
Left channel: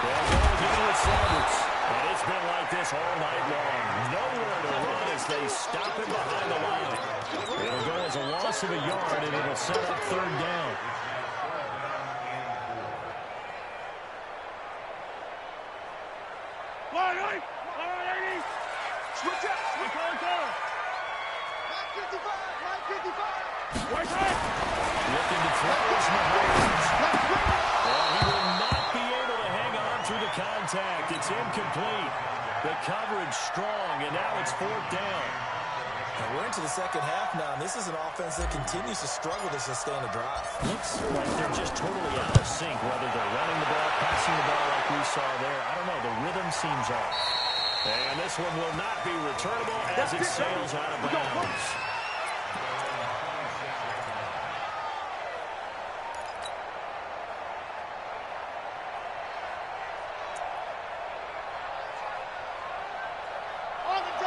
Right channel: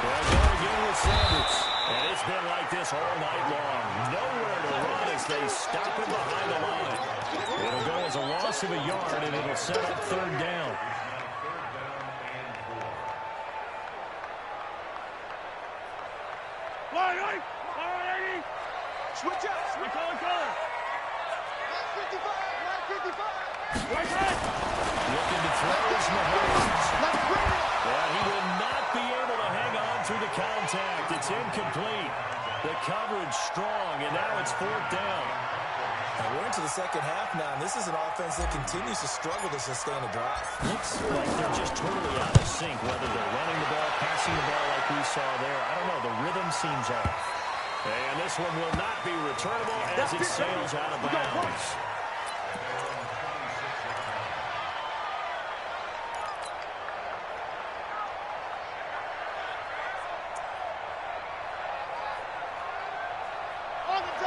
They'll go again with Sanders. And it's been like this all night long. Nowhere to run as they stop him behind the line. It'll go as a loss of a yard, and it'll set up third down. Switch up, switch color. Mike 55, Mike 55. Right side. Looking to throw his Mahomes. Well, he will not be able to hang on through the contact. It's incomplete. The coverage strong, and now it's fourth down. And we're into the second half now, and this is an offense that continues to struggle to sustain a drive. Looks like they're just totally out of sync, whether they're running the ball, passing the ball like we saw there. I don't know. The rhythm seems off. And this one will not be returnable as it sails out of bounds.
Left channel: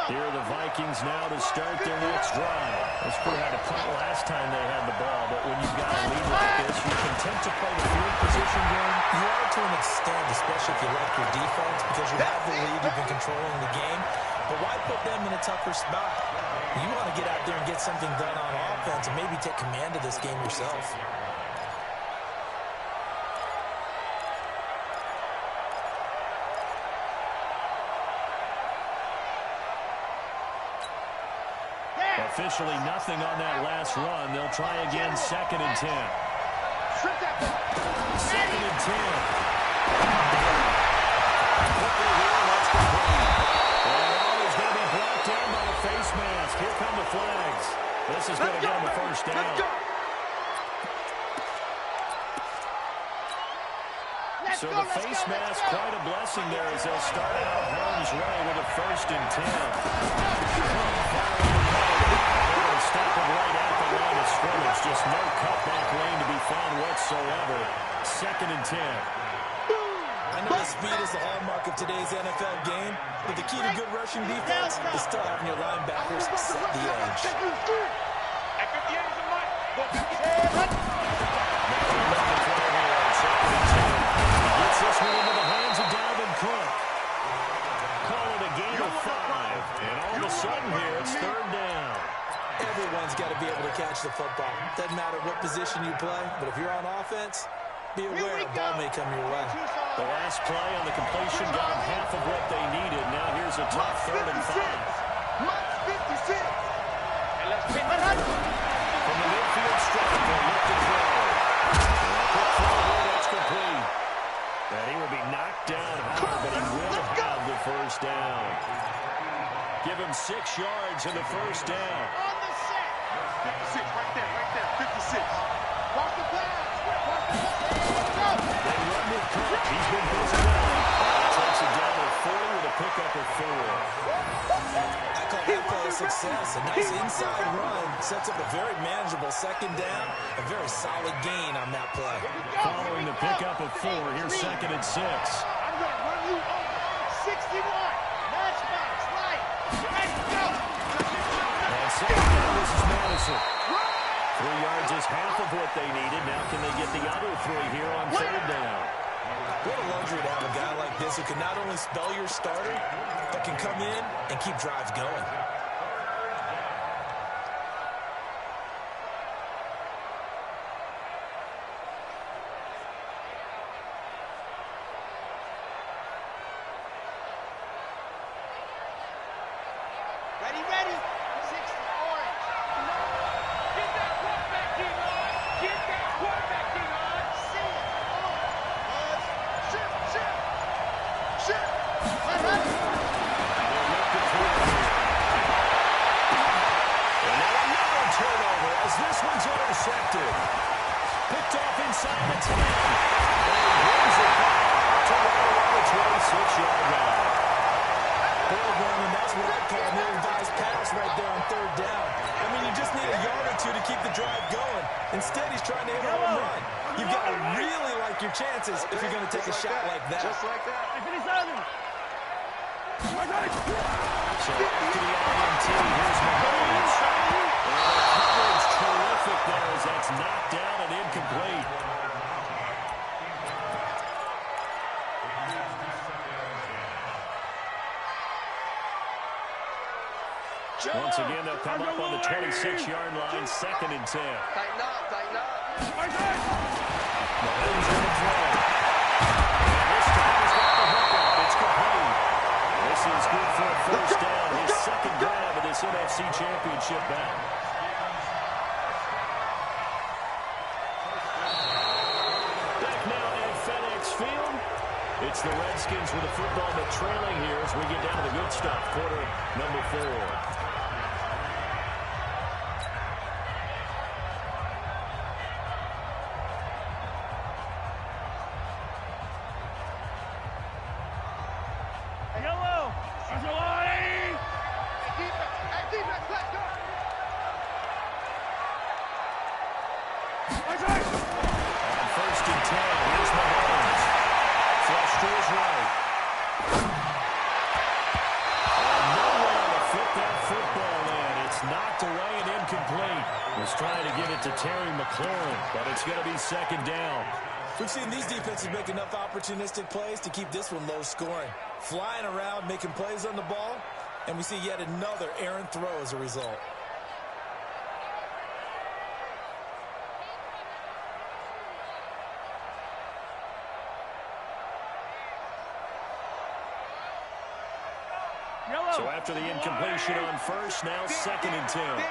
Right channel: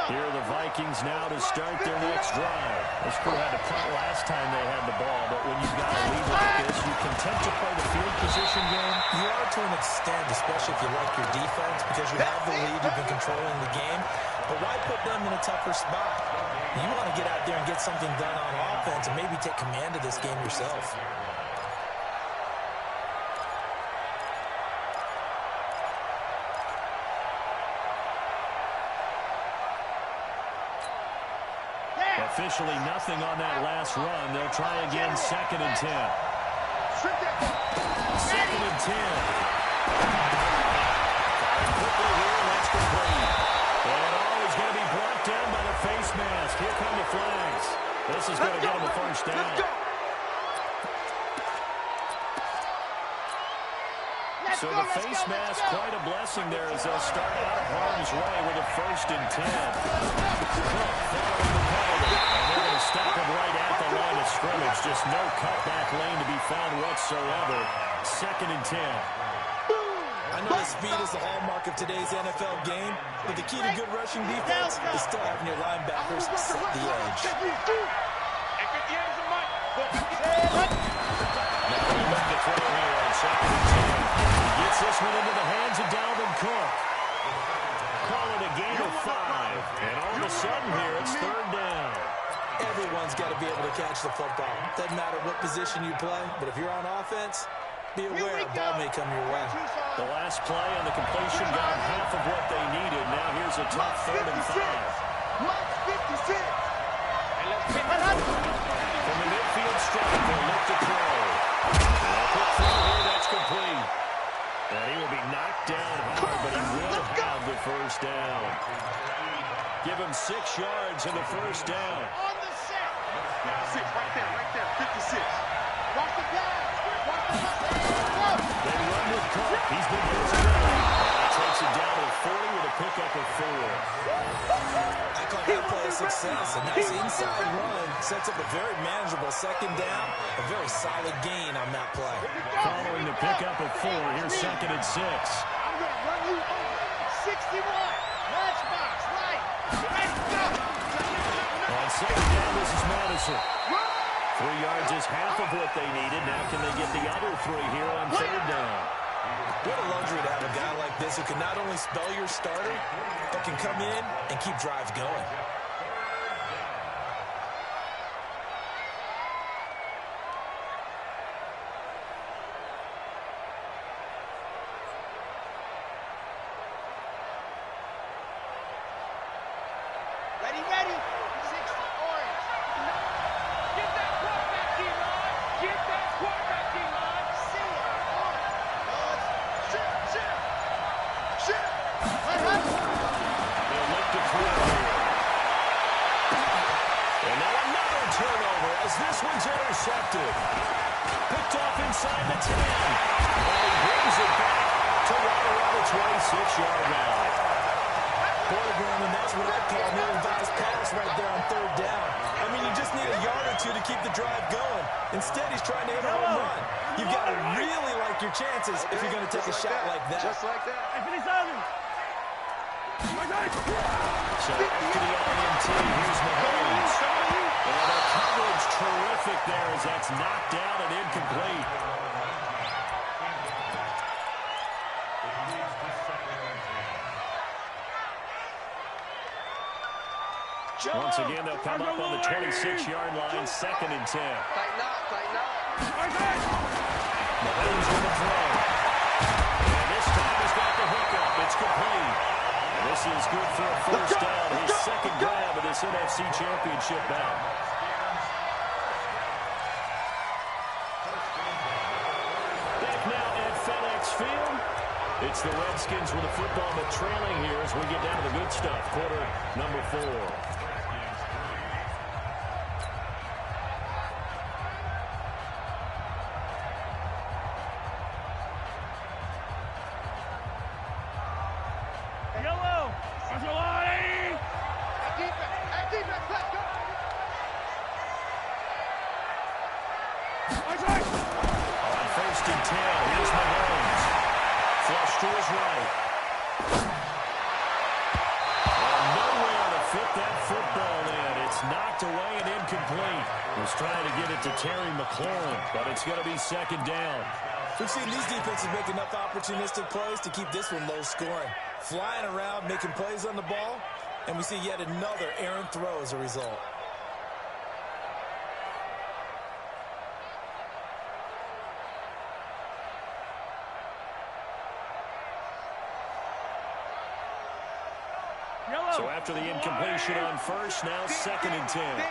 Here are the Vikings now to start their next drive. This crew had to punt last time they had the ball, but when you've got a lead like this, you're content to play the field position game. You are to an extent, especially if you like your defense, because you have the lead, you've been controlling the game. But why put them in a tougher spot? You want to get out there and get something done on offense and maybe take command of this game yourself. Officially nothing on that last run. They'll try again, 2nd and 10. 2nd and 10. Quickly here, and that's complete. And he's going to be blocked down by the face mask. Here come the flags. This is going to get him a first down. So the face mask, quite a blessing there as they'll start out of harm's way with a 1st and 10. Cook following the penalty. And they're going to stop him right at the line of scrimmage. Just no cutback lane to be found whatsoever. 2nd and 10. I know the speed is the hallmark of today's NFL game, but the key to good rushing defense is still having your linebackers set the edge. At 58 is a mic. Now he'll look to throw here on 2nd and 10. He gets this one into the hands of Dalvin Cook. Call it a gain of 5. And all of a sudden here, it's third down. Everyone's got to be able to catch the football. Doesn't matter what position you play, but if you're on offense, be aware a ball may come your way. The last play on the completion got them half of what they needed. Now here's a tough 3rd and 5. Mike 56. From the midfield stripe, they'll look to throw. Quick throw here, that's complete. And he will be knocked down hard, but he will have the first down. Give him 6 yards in the first down. On the set. 56, right there, 56. Watch the pass. Watch the pass. They run with Cook. He's been busy running. And he takes it down to 40 with a pickup of 4. I call that play a success. A nice inside run sets up a very manageable 2nd down. A very solid gain on that play. Following the pickup of 4, here's 2nd and 6. I'm going to run you over. 61. Matchbox, right. Ready, go. On 2nd down, this is Madison. 3 yards is half of what they needed. Now can they get the other 3 here on 3rd down? What a luxury to have a guy like this who can not only spell your starter, but can come in and keep drives going. Ready, ready. 60, orange. Get that clock back, D-Rod. as this one's intercepted. Picked off inside the 10. And he brings it back to right around the 26-yard line. Boy, Brandon, that's what I call an ill-advised pass right there on third down. I mean, you just need a yard or two to keep the drive going. Instead, he's trying to hit a home run. You've got to really like your chances if you're going to take a shot like that. Just like that. So after the INT, here's Mahomes. And the coverage terrific there as that's knocked down and incomplete. Once again, they'll come up on the 26-yard line, 2nd and 10. Tighten up, tighten up. Mahomes going to throw. And this time he's got the hook up. It's complete. This is good for a first down. His second grab of this NFC Championship bout. Back now at FedEx Field. It's the Redskins with the football, but trailing here as we get down to the good stuff. Quarter number 4. Yellow. Hey, defense, let's go. On 1st and 10, here's Mahomes. Flush to his right. And nowhere to fit that football in. It's knocked away and incomplete. He's trying to get it to Terry McLaurin, but it's going to be 2nd down. We've seen these defenses make enough opportunistic plays to keep this one low scoring. Flying around, making plays on the ball, and we see yet another errant throw as a result. So after the incompletion on 1st, now 2nd and 10.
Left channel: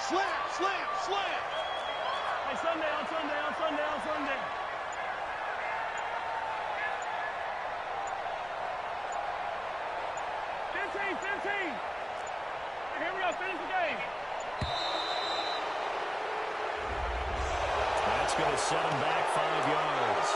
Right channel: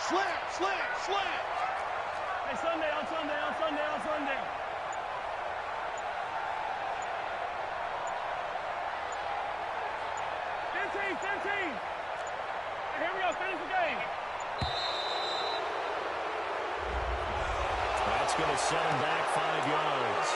Slam. Hey, Sunday. 15. Hey, here we go, finish the game. That's going to set him back 5 yards.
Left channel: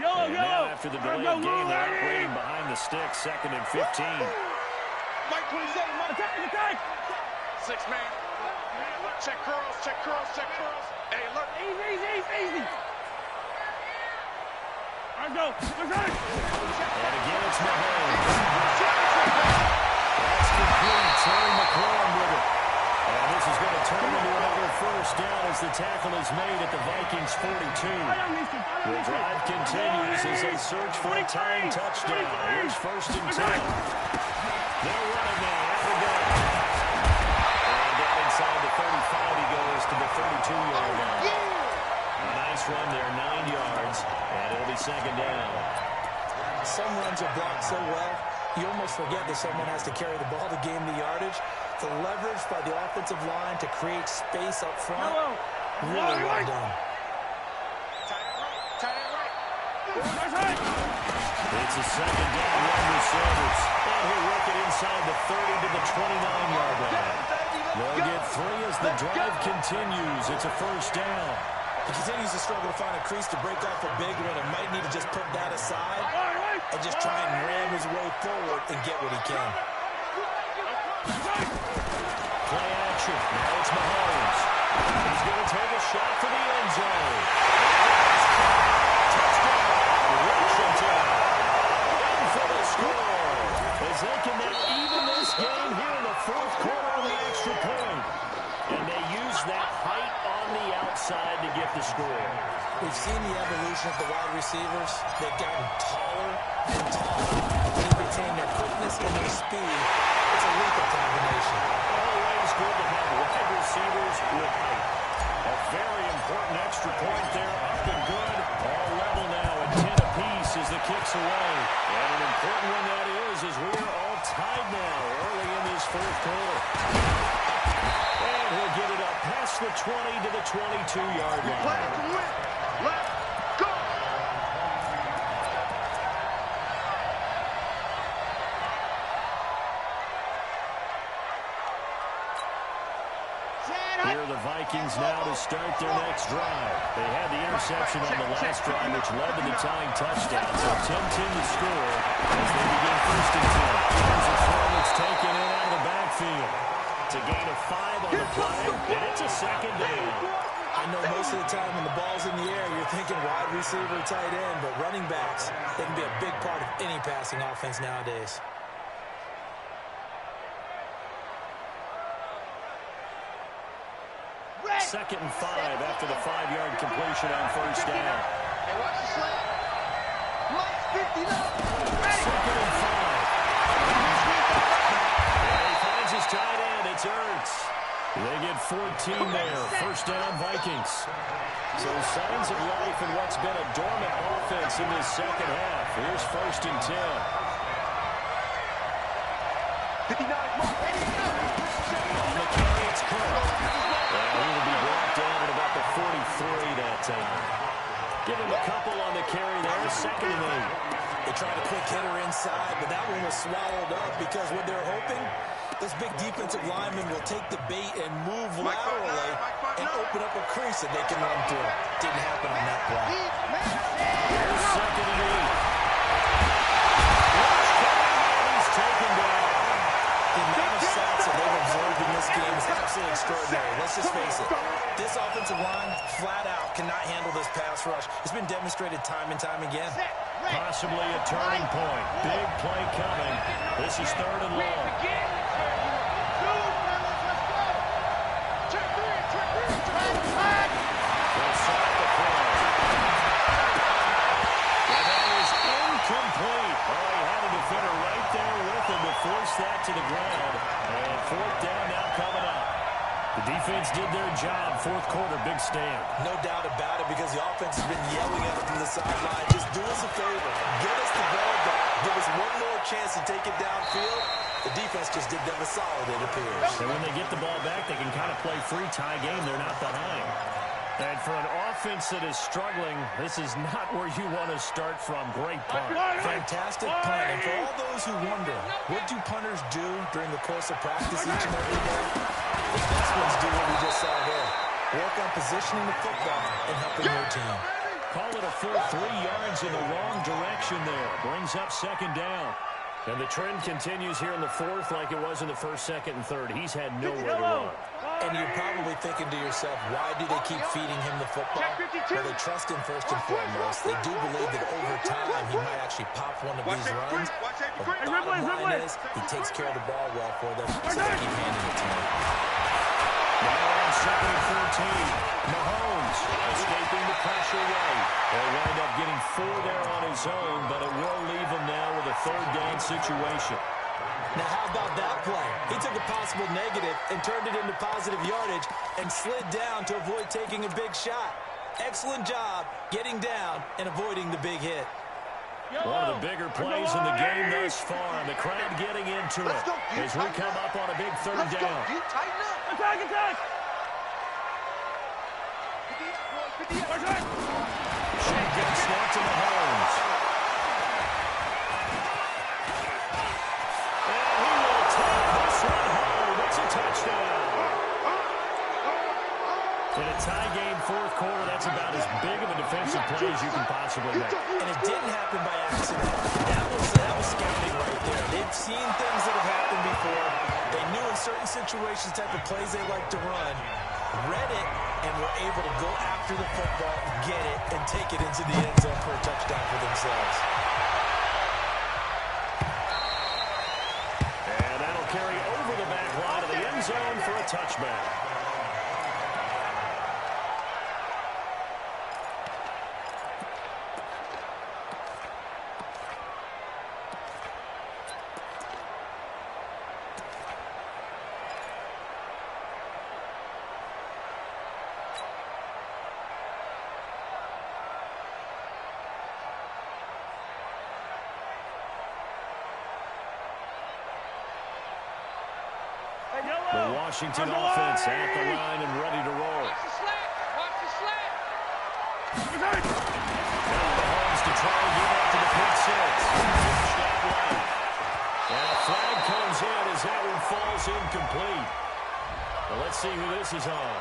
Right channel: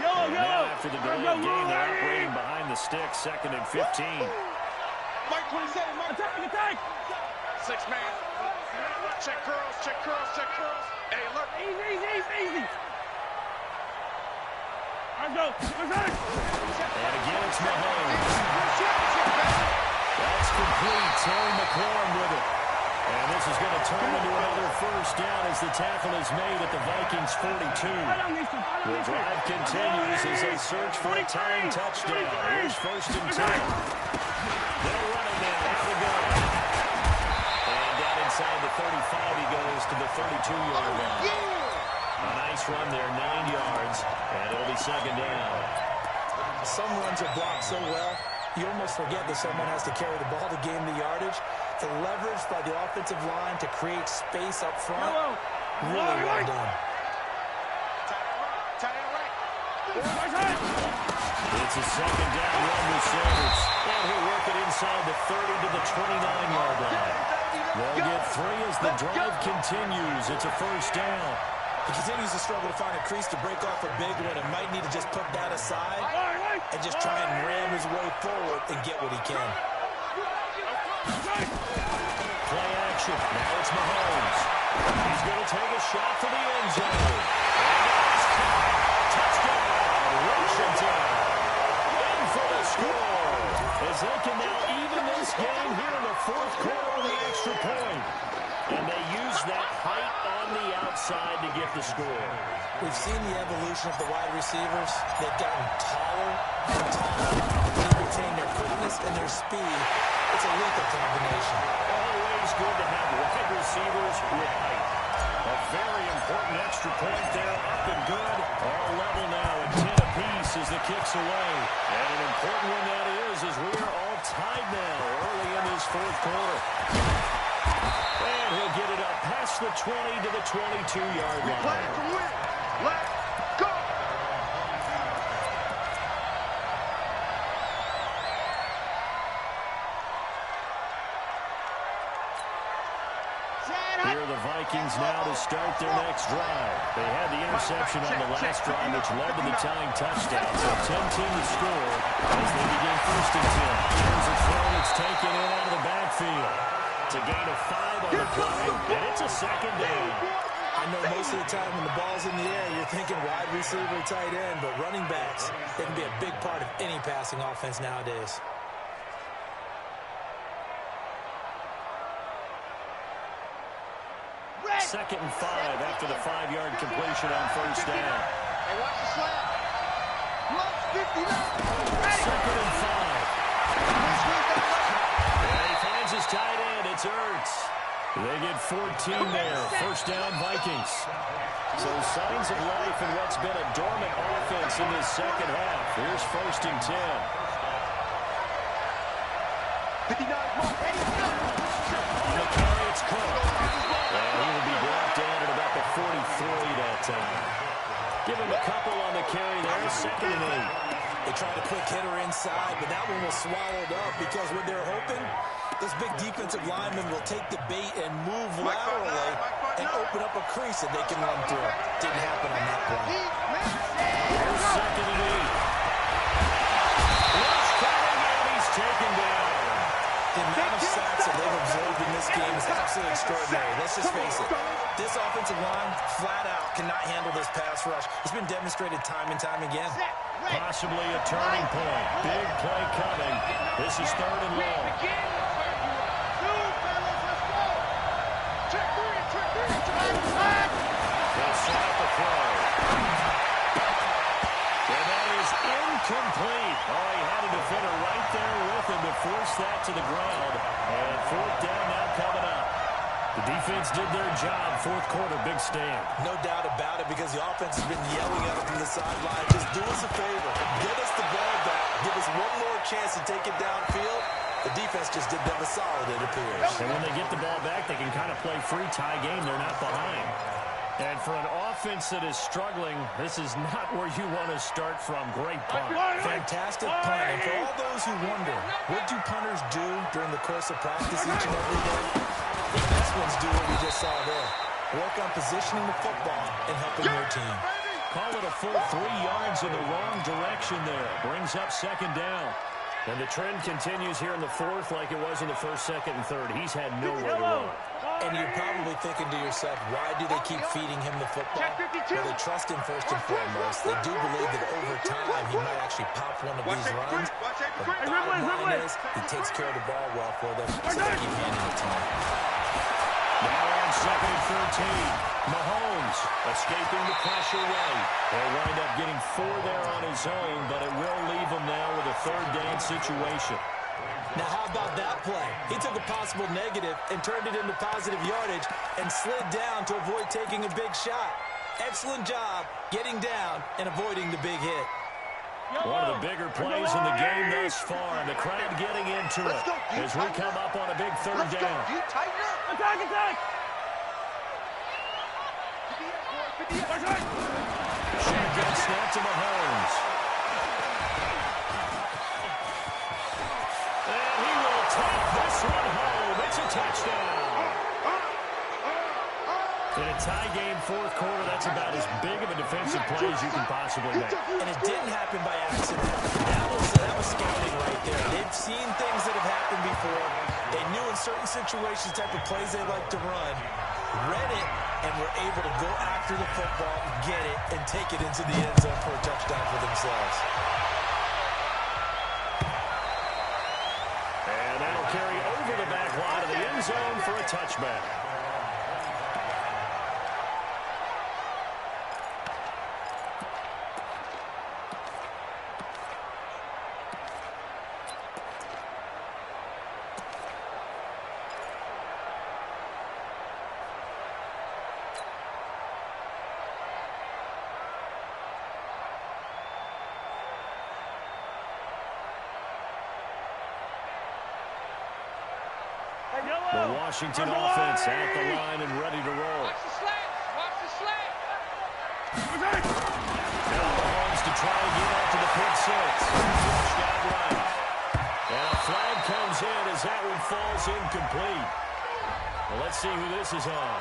Yellow. Now after the delayed game, they're operating behind the stick, 2nd and 15. Mike 27, attack. 6-man. Check curls. Hey, alert. Easy. Let's go. And again, it's Mahomes. That's complete. Terry McLaurin with it. And this is going to turn into another first down as the tackle is made at the Vikings 42. The drive continues as they search for a tying touchdown. Here's 1st and 10. They'll run it now. Out the gun. And down inside the 35, he goes to the 32-yard line. A nice run there, 9 yards, and it'll be 2nd down. Some runs are blocked so well, you almost forget that someone has to carry the ball to gain the yardage. The leverage by the offensive line to create space up front, really well done. Tight end right. It's a 2nd down run receivers. And he'll work it inside the 30 to the 29-yard line. They'll get 3 as the drive continues. It's a first down. He continues to struggle to find a crease to break off a big one and might need to just put that aside and just try and ram his way forward and get what he can. Play action. Now it's Mahomes. He's going to take a shot for the end zone. Touchdown, Washington. In for the score. As they can now even this game here in the 4th quarter with the extra point. And they use that height on the outside to get the score. We've seen the evolution of the wide receivers. They've gotten taller and taller. They retain their quickness and their speed. It's a lethal combination. Always good to have wide receivers with height. A very important extra point there, up and good. All level now at 10 apiece as the kick's away. And an important one that is as we are all tied now early in this 4th quarter. And he'll get it up past the 20 to the 22-yard line. Play to win. Let's go. Here are the Vikings now to start their next drive. They had the interception on the last drive, which led to the tying touchdown. So 10-10 to score as they begin first and 10. Here's a throw that's taken in out of the backfield. It's a gain of 5 on the play, and it's a second down. I know most of the time when the ball's in the air, you're thinking wide receiver, tight end, but running backs, they can be a big part of any passing offense nowadays. Second and 5 after the 5-yard completion on first down. Hey, watch the slant. Left 59. Second and 5. And he finds his tight end. It's Ertz. They get 14 there. First down, Vikings. So signs of life in what's been a dormant offense in this second half. Here's first and 10. 59. On the carry, it's Cook. And he will be brought down at about the 43 that time. Give him a couple on the carry there. Second and 8. They tried a quick hitter inside, but that one was swallowed up because what they're hoping, this big defensive lineman will take the bait and move laterally and open up a crease that they can run through. Didn't happen on that play. Here's second and 8. Watch coming, and he's taken down. The amount of sacks that they've absorbed in this game is absolutely extraordinary. Let's just face it. This offensive line, flat out, cannot handle this pass rush. It's been demonstrated time and time again. Possibly a turning point. Big play coming. This is third and long. They'll set up the throw. And that is incomplete. Oh, he had a defender right there with him to force that to the ground. And fourth down now coming up. The defense did their job. Fourth quarter, big stand. No doubt about it, because the offense has been yelling at them from the sideline. Just do us a favor. Get us the ball back. Give us one more chance to take it downfield. The defense just did them a solid, it appears. And when they get the ball back, they can kind of play free tie game. They're not behind. And for an offense that is struggling, this is not where you want to start from. Great punt. Fantastic punt. And for all those who wonder, what do punters do during the course of practice each and every day? The best ones do what we just saw there. Work on positioning the football and helping their team. Call it a full 3 yards in the wrong direction there. Brings up second down. And the trend continues here in the fourth like it was in the first, second, and third. He's had nowhere to run. And you're probably thinking to yourself, why do they keep feeding him the football? Well, they trust him first and foremost. They do believe that over time he might actually pop one of these runs. But bottom line is, he takes care of the ball well for them, so they keep handing it to him. Now on second and 13. Mahomes escaping the pressure right. He'll wind up getting 4 there on his own, but it will leave him now with a third down situation. Now, how about that play? He took a possible negative and turned it into positive yardage and slid down to avoid taking a big shot. Excellent job getting down and avoiding the big hit. One of the bigger plays in the game thus far, and the crowd getting into it as we come up on a big third down. Attack! Shotgun snap to Mahomes. And he will take this one home. It's a touchdown. In a tie game, fourth quarter, that's about as big of a defensive play as you can possibly make. And it didn't happen by accident. That was scouting right there. They've seen things that have happened before. They knew in certain situations the type of plays they like to run. Read it, and were able to go after the football, get it, and take it into the end zone for a touchdown for themselves. And that'll carry over the back line of the end zone for a touchback. The Washington offense at the line and ready to roll. Watch the slant. Watch the slant. Now Mahomes to try and get up to the pick six. Pushed out left. And a flag comes in as that one falls incomplete. Well, let's see who this is on.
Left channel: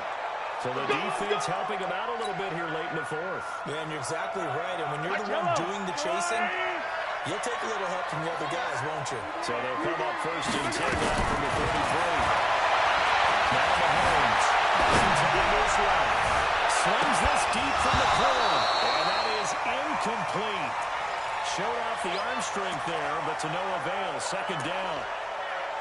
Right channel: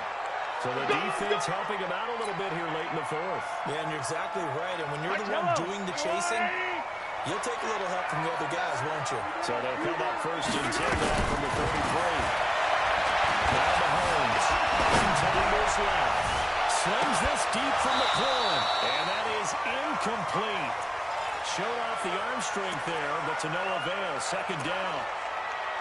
So the defense helping him out a little bit here late in the fourth. Yeah, and you're exactly right. And when you're the one doing the chasing, you'll take a little help from the other guys, won't you? So they'll come up first and 10 now from the 33. Now Mahomes. Time goes left. Slings this deep from the corner. And that is incomplete. Showed off the arm strength there, but to no avail. Second down.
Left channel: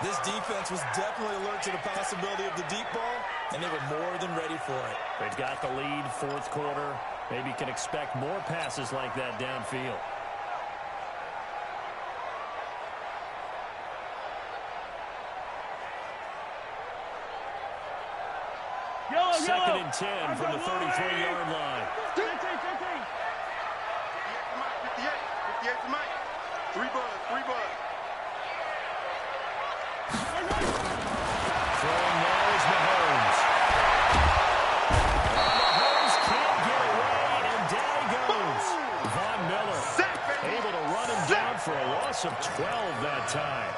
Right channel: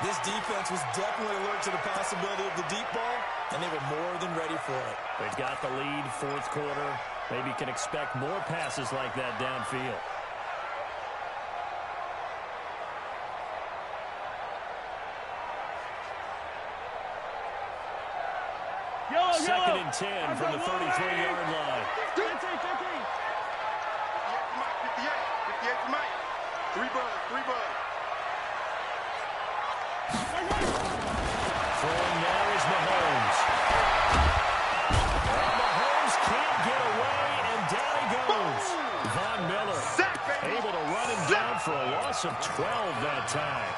This defense was definitely alert to the possibility of the deep ball, and they were more than ready for it. They've got the lead, fourth quarter. Maybe can expect more passes like that downfield. Second and 10 from the 33-yard line. 15. 58 to Mike. 3 buzz. Throwing now is Mahomes. And Mahomes can't get away, and down he goes. Von Miller able to run him down for a loss of 12 that time.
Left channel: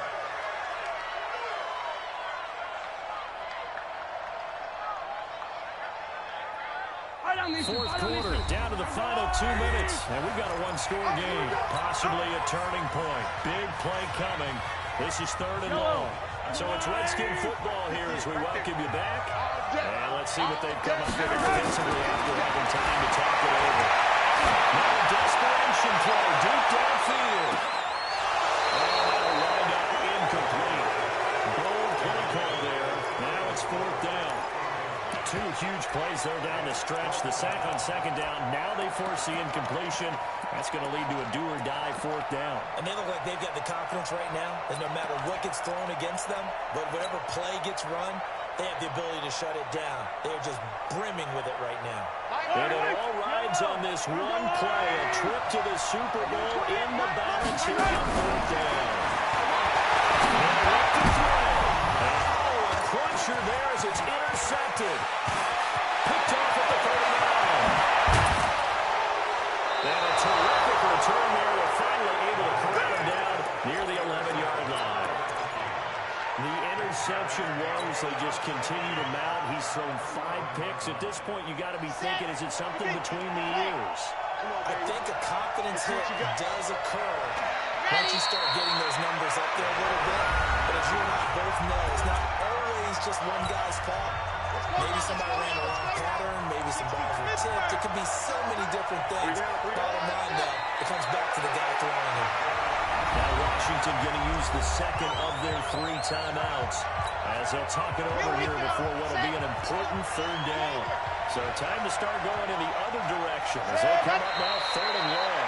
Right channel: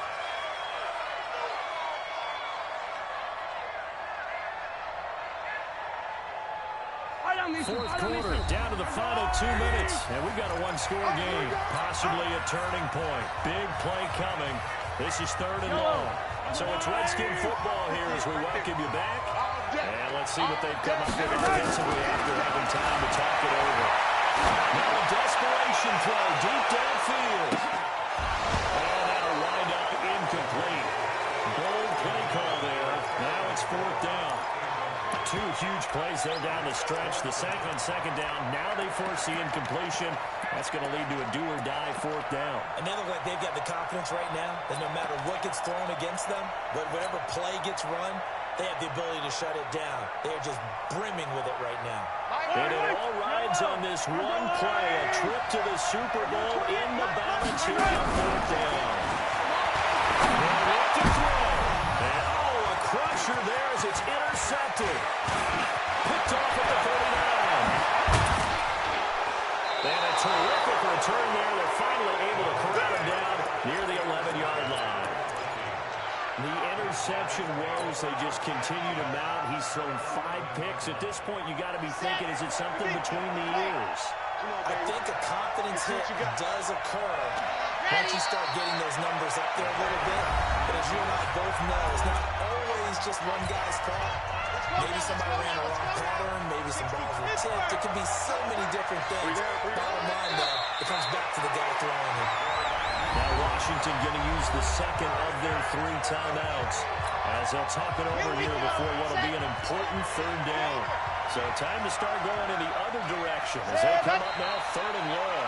Fourth quarter, down to the final 2 minutes, and we've got a one-score game, possibly a turning point. Big play coming. This is third and long. So it's Redskin football here as we welcome you back. And let's see what they've come up with defensively after having time to talk it over. Now a desperation throw deep downfield. And that'll wind up incomplete. Bold play call there. Now it's fourth down. 2 huge plays there down the stretch. The sack on second down. Now they force the incompletion. That's going to lead to a do-or-die fourth down. And they look like they've got the confidence right now that no matter what gets thrown against them, whatever play gets run, they have the ability to shut it down. They're just brimming with it right now. And it all rides on this one play. A trip to the Super Bowl in the balance here on fourth down. And up to throw. And a crusher there as it's intercepted. Picked off at the 39. And a terrific return there. They're finally able to corral him down near the 11-yard line. The interception woes, they just continue to mount. He's thrown 5 picks. At this point, you got to be thinking, is it something between the ears? I think a confidence hit does occur once you start getting those numbers up there a little bit. But as you and I both know, it's not always just one guy's fault. Maybe somebody ran a wrong pattern. Maybe some balls were tipped. It could be so many different things. Bottom line, though, it comes back to the guy throwing it. Now Washington going to use the second of their 3 timeouts as they'll talk it over here before what will be an important third down. So time to start going in the other direction as they come up now third and long.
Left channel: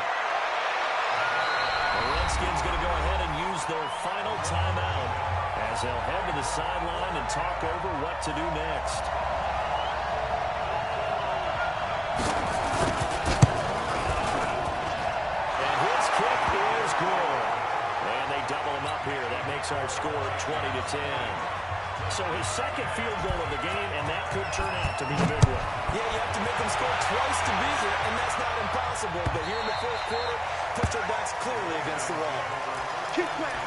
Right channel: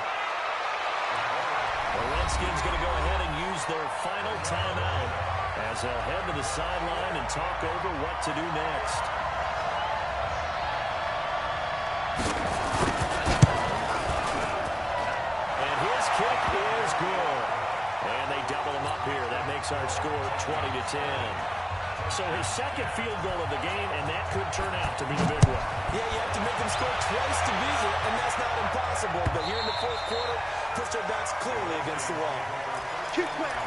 The Redskins going to go ahead and use their final timeout as they'll head to the sideline and talk over what to do next. And his kick is good. And they double him up here. That makes our score 20-10. So his second field goal of the game, and that could turn out to be the big one. Yeah, you have to make them score twice to beat you, and that's not impossible. But here in the fourth quarter, push their backs clearly against the wall. Keep playing.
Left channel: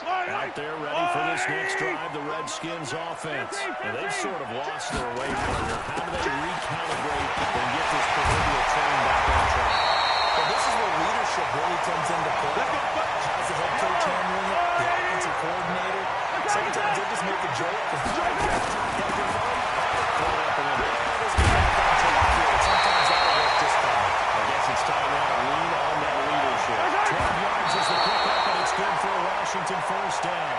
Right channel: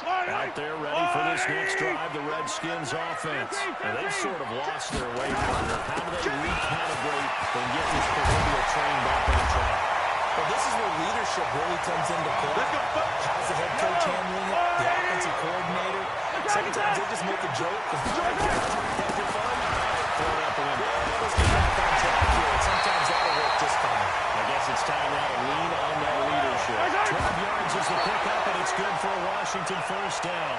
Out there ready for this next drive, the Redskins offense. And they've sort of lost their way, partner. How do they recalibrate and get this proverbial train back on track? Well, this is where leadership really comes into play. How's the head coach handling it? The offensive coordinator? Sometimes they just make a joke. Yeah, you're fun. Throw it out the window. Yeah, let's get back on track here. Sometimes that'll work just fine. I guess it's time now to lean on that leadership. 12 yards is the pickup, and it's good for a Washington first down.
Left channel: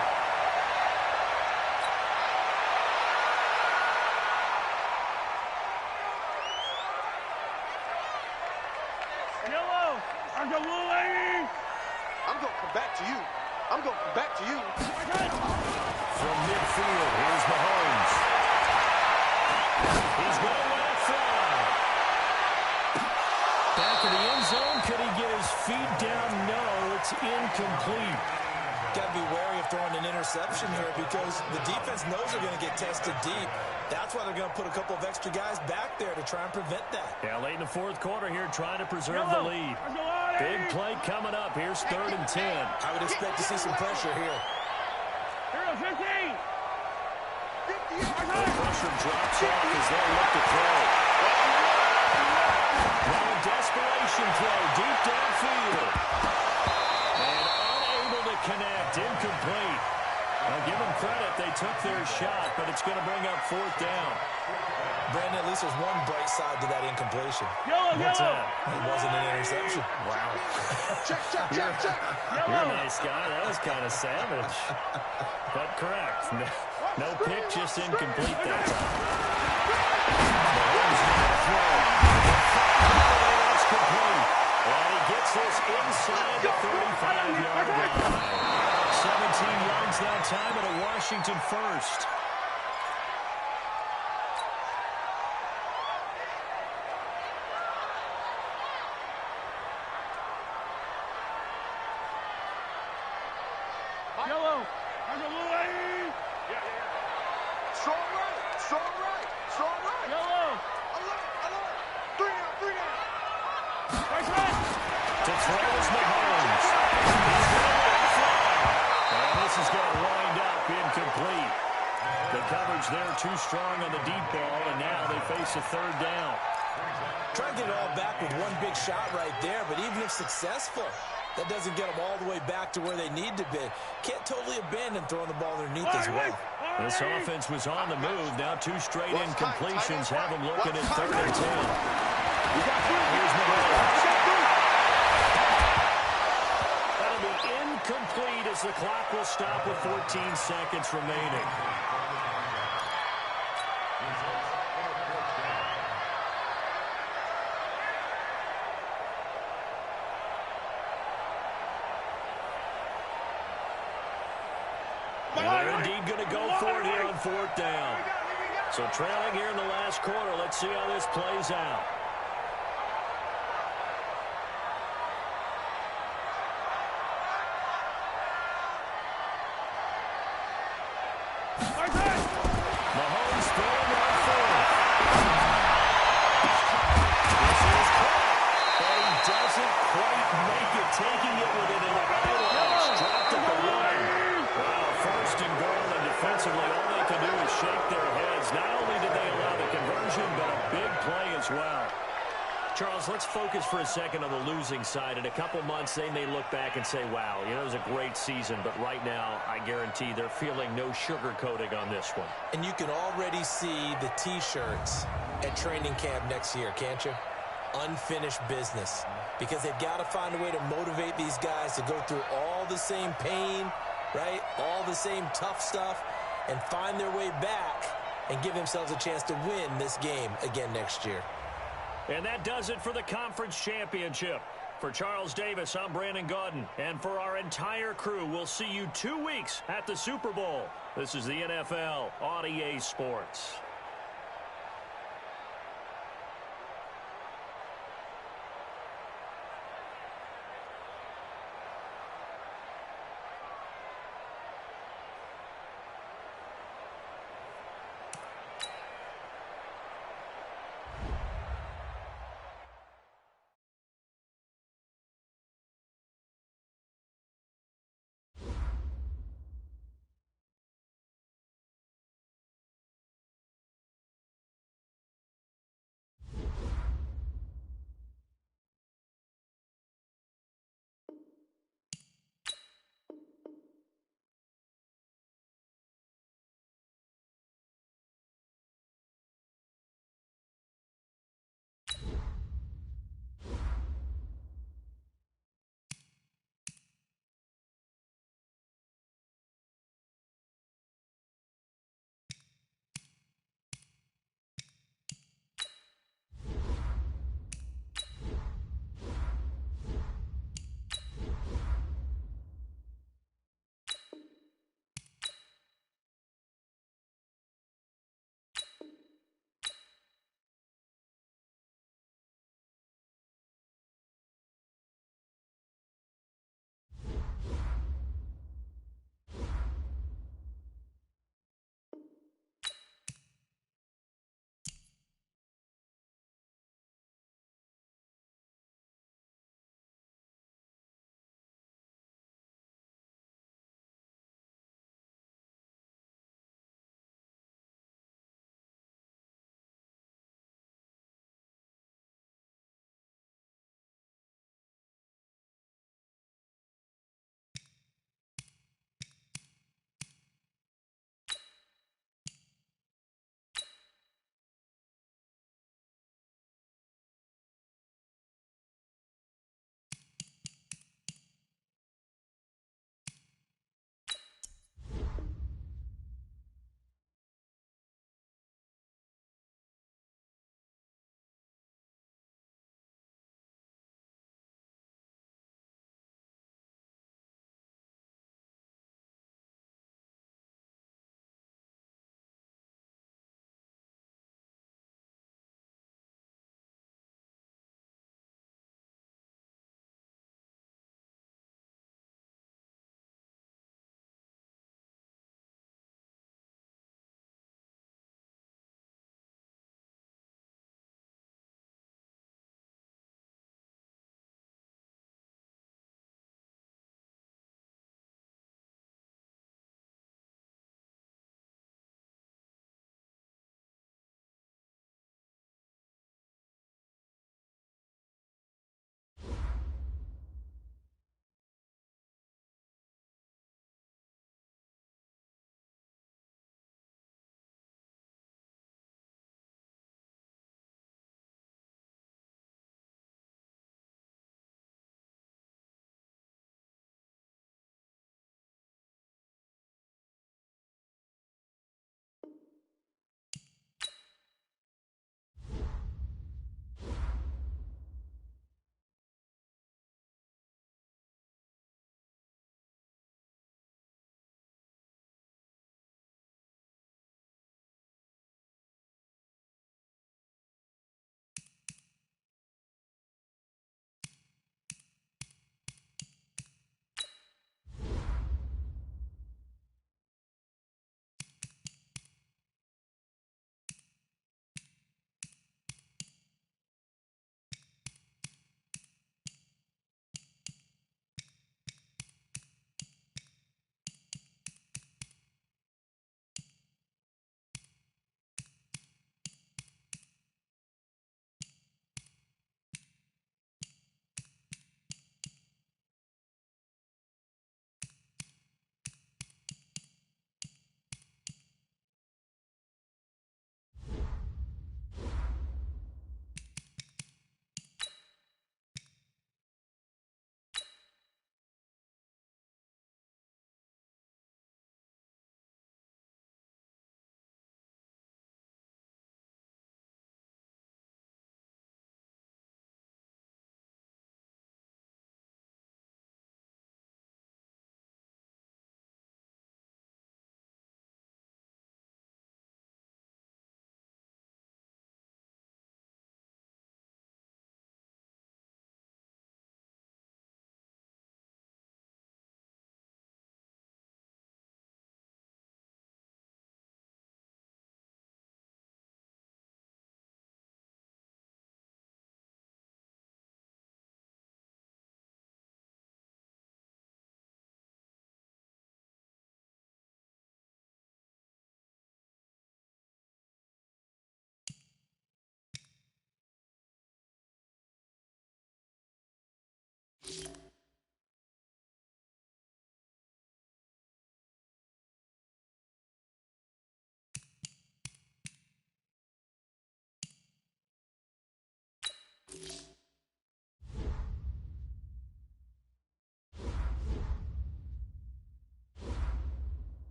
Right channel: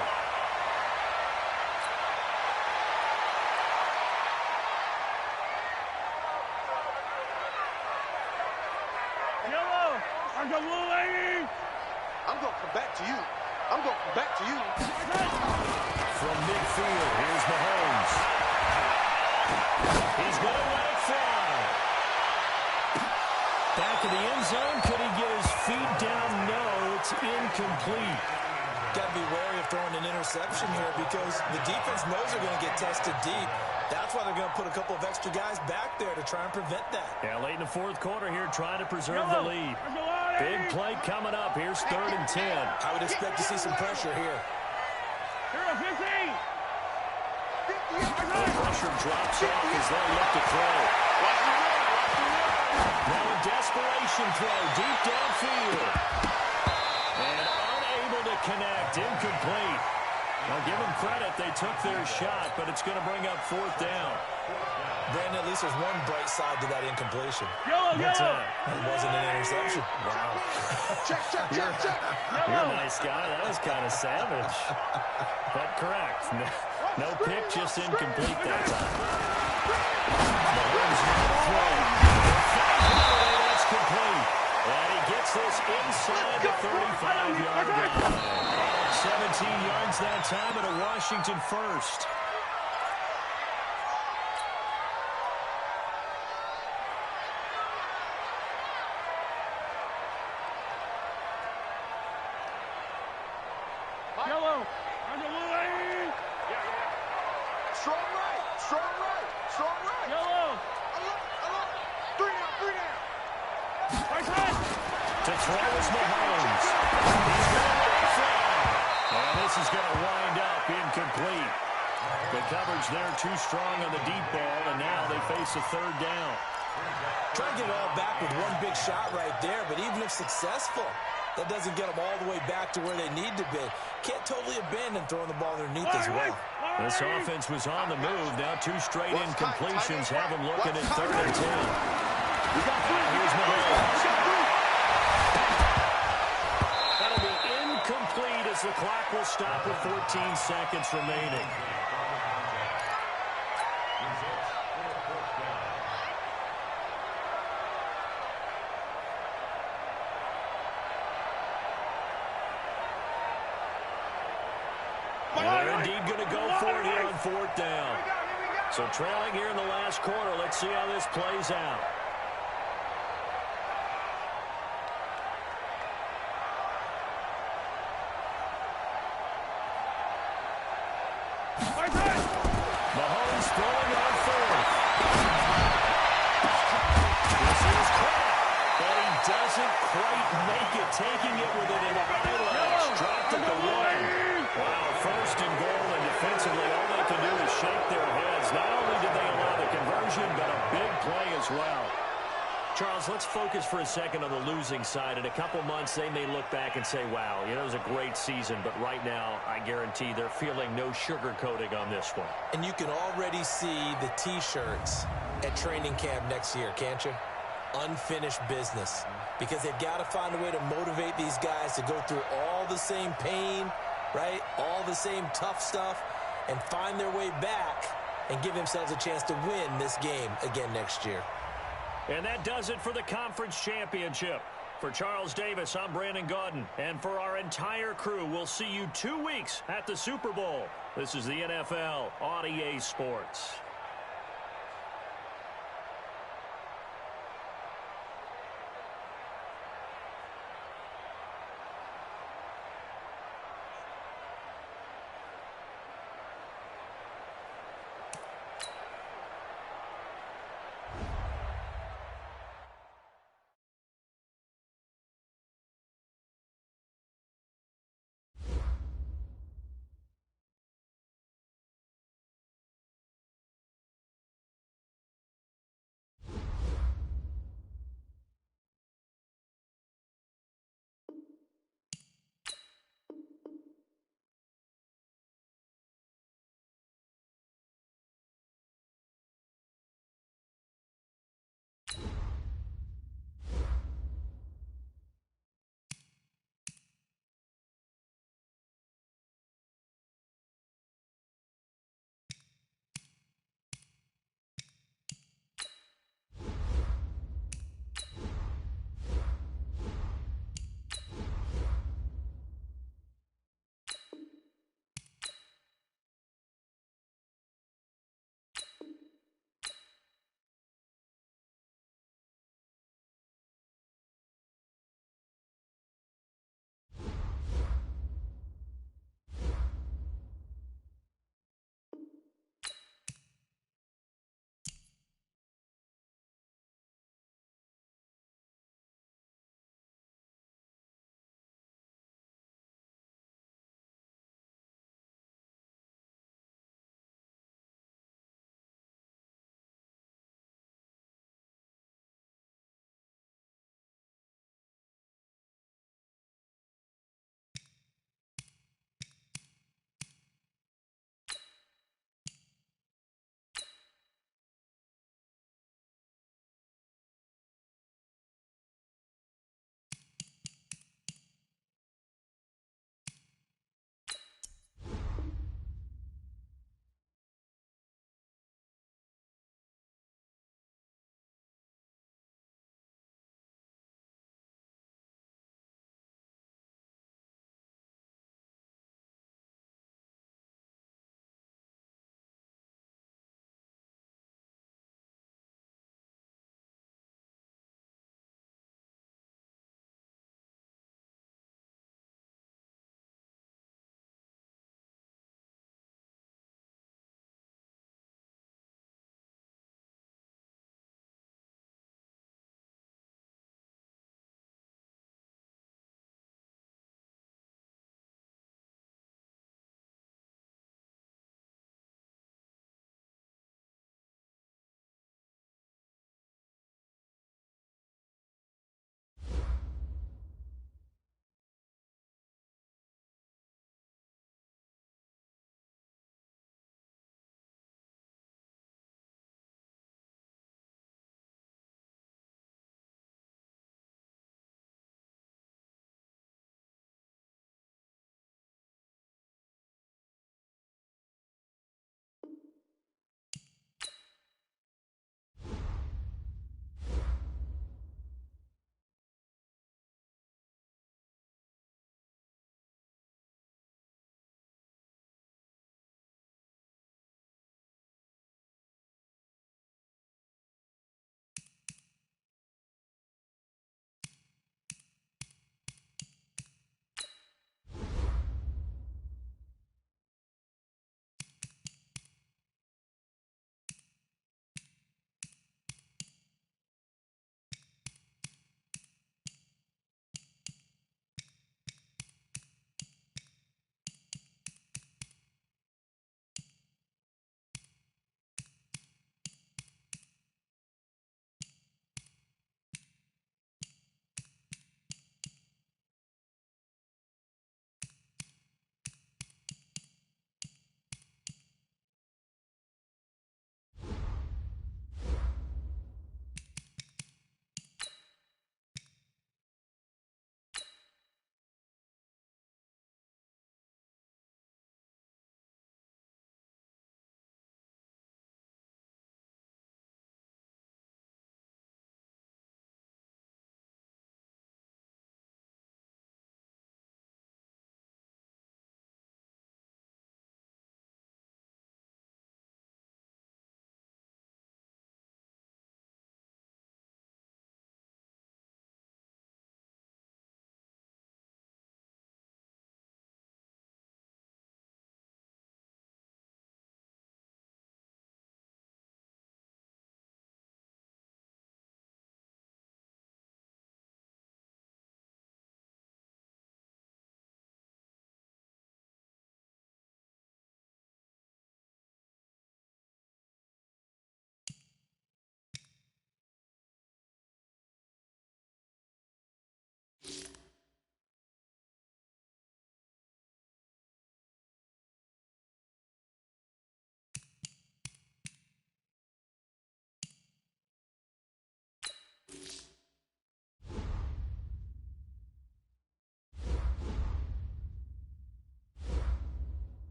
Yellow, I'm the blue lady. I'm going to come back to you. I'm going to come back to you. From midfield, here's Mahomes. He's going to let it fly. back of the end zone. Could he get his feet down? No, it's incomplete. Got to be wary of throwing an interception here because the defense knows they're going to get tested deep. That's why they're going to put a couple of extra guys back there to try and prevent that. Yeah, late in the fourth quarter here, trying to preserve the lead. Big play coming up. Here's 3rd and 10. I would expect to see some pressure here. Here, 15. The pressure drops off as they look to throw. Now a desperation throw deep downfield. And unable to connect. Incomplete. Now give them credit. They took their shot, but it's going to bring up 4th down. Brandon, at least there's one bright side to that incompletion. What's that? It wasn't an interception. Wow. Check. You're a nice guy. That was kind of savage. But correct. No pick, just incomplete that time. Mahomes now throwing. That's complete. And he gets this inside the 35-yard line. 17 yards that time at a Washington first. Yellow. Yeah. Strong right. Yellow. Alert. 3 down. Right side. To throw is Mahomes. He's going to let it fly. And this is going to wind up incomplete. The coverage there too strong on the deep ball, and now they face a 3rd down. Try to get it all back with one big shot right there, but even if successful, that doesn't get them all the way back to where they need to be. Can't totally abandon throwing the ball underneath as well. This offense was on the move. Now 2 straight incompletions have them looking at 3rd and 10. Here's Mahomes. That'll be incomplete as the clock will stop with 14 seconds remaining. And they're indeed going to go for it here on 4th down. So trailing here in the last quarter. Let's see how this plays out. Mahomes throwing on 4th. This is caught. And he doesn't quite make it, taking it with it in the highlights. Dropped at the 1. Wow, 1st and goal, and defensively all they can do is shake their heads. Not only did they allow the conversion, but a big play as well. Charles, let's focus for a second on the losing side. In a couple months, they may look back and say, wow, it was a great season. But right now, I guarantee they're feeling no sugarcoating on this one. And you can already see the T-shirts at training camp next year, can't you? Unfinished business. Because they've got to find a way to motivate these guys to go through all the same pain, right? All the same tough stuff, and find their way back and give themselves a chance to win this game again next year. And that does it for the conference championship. For Charles Davis, I'm Brandon Gaudin. And for our entire crew, we'll see you 2 weeks at the Super Bowl. This is the NFL on EA Sports.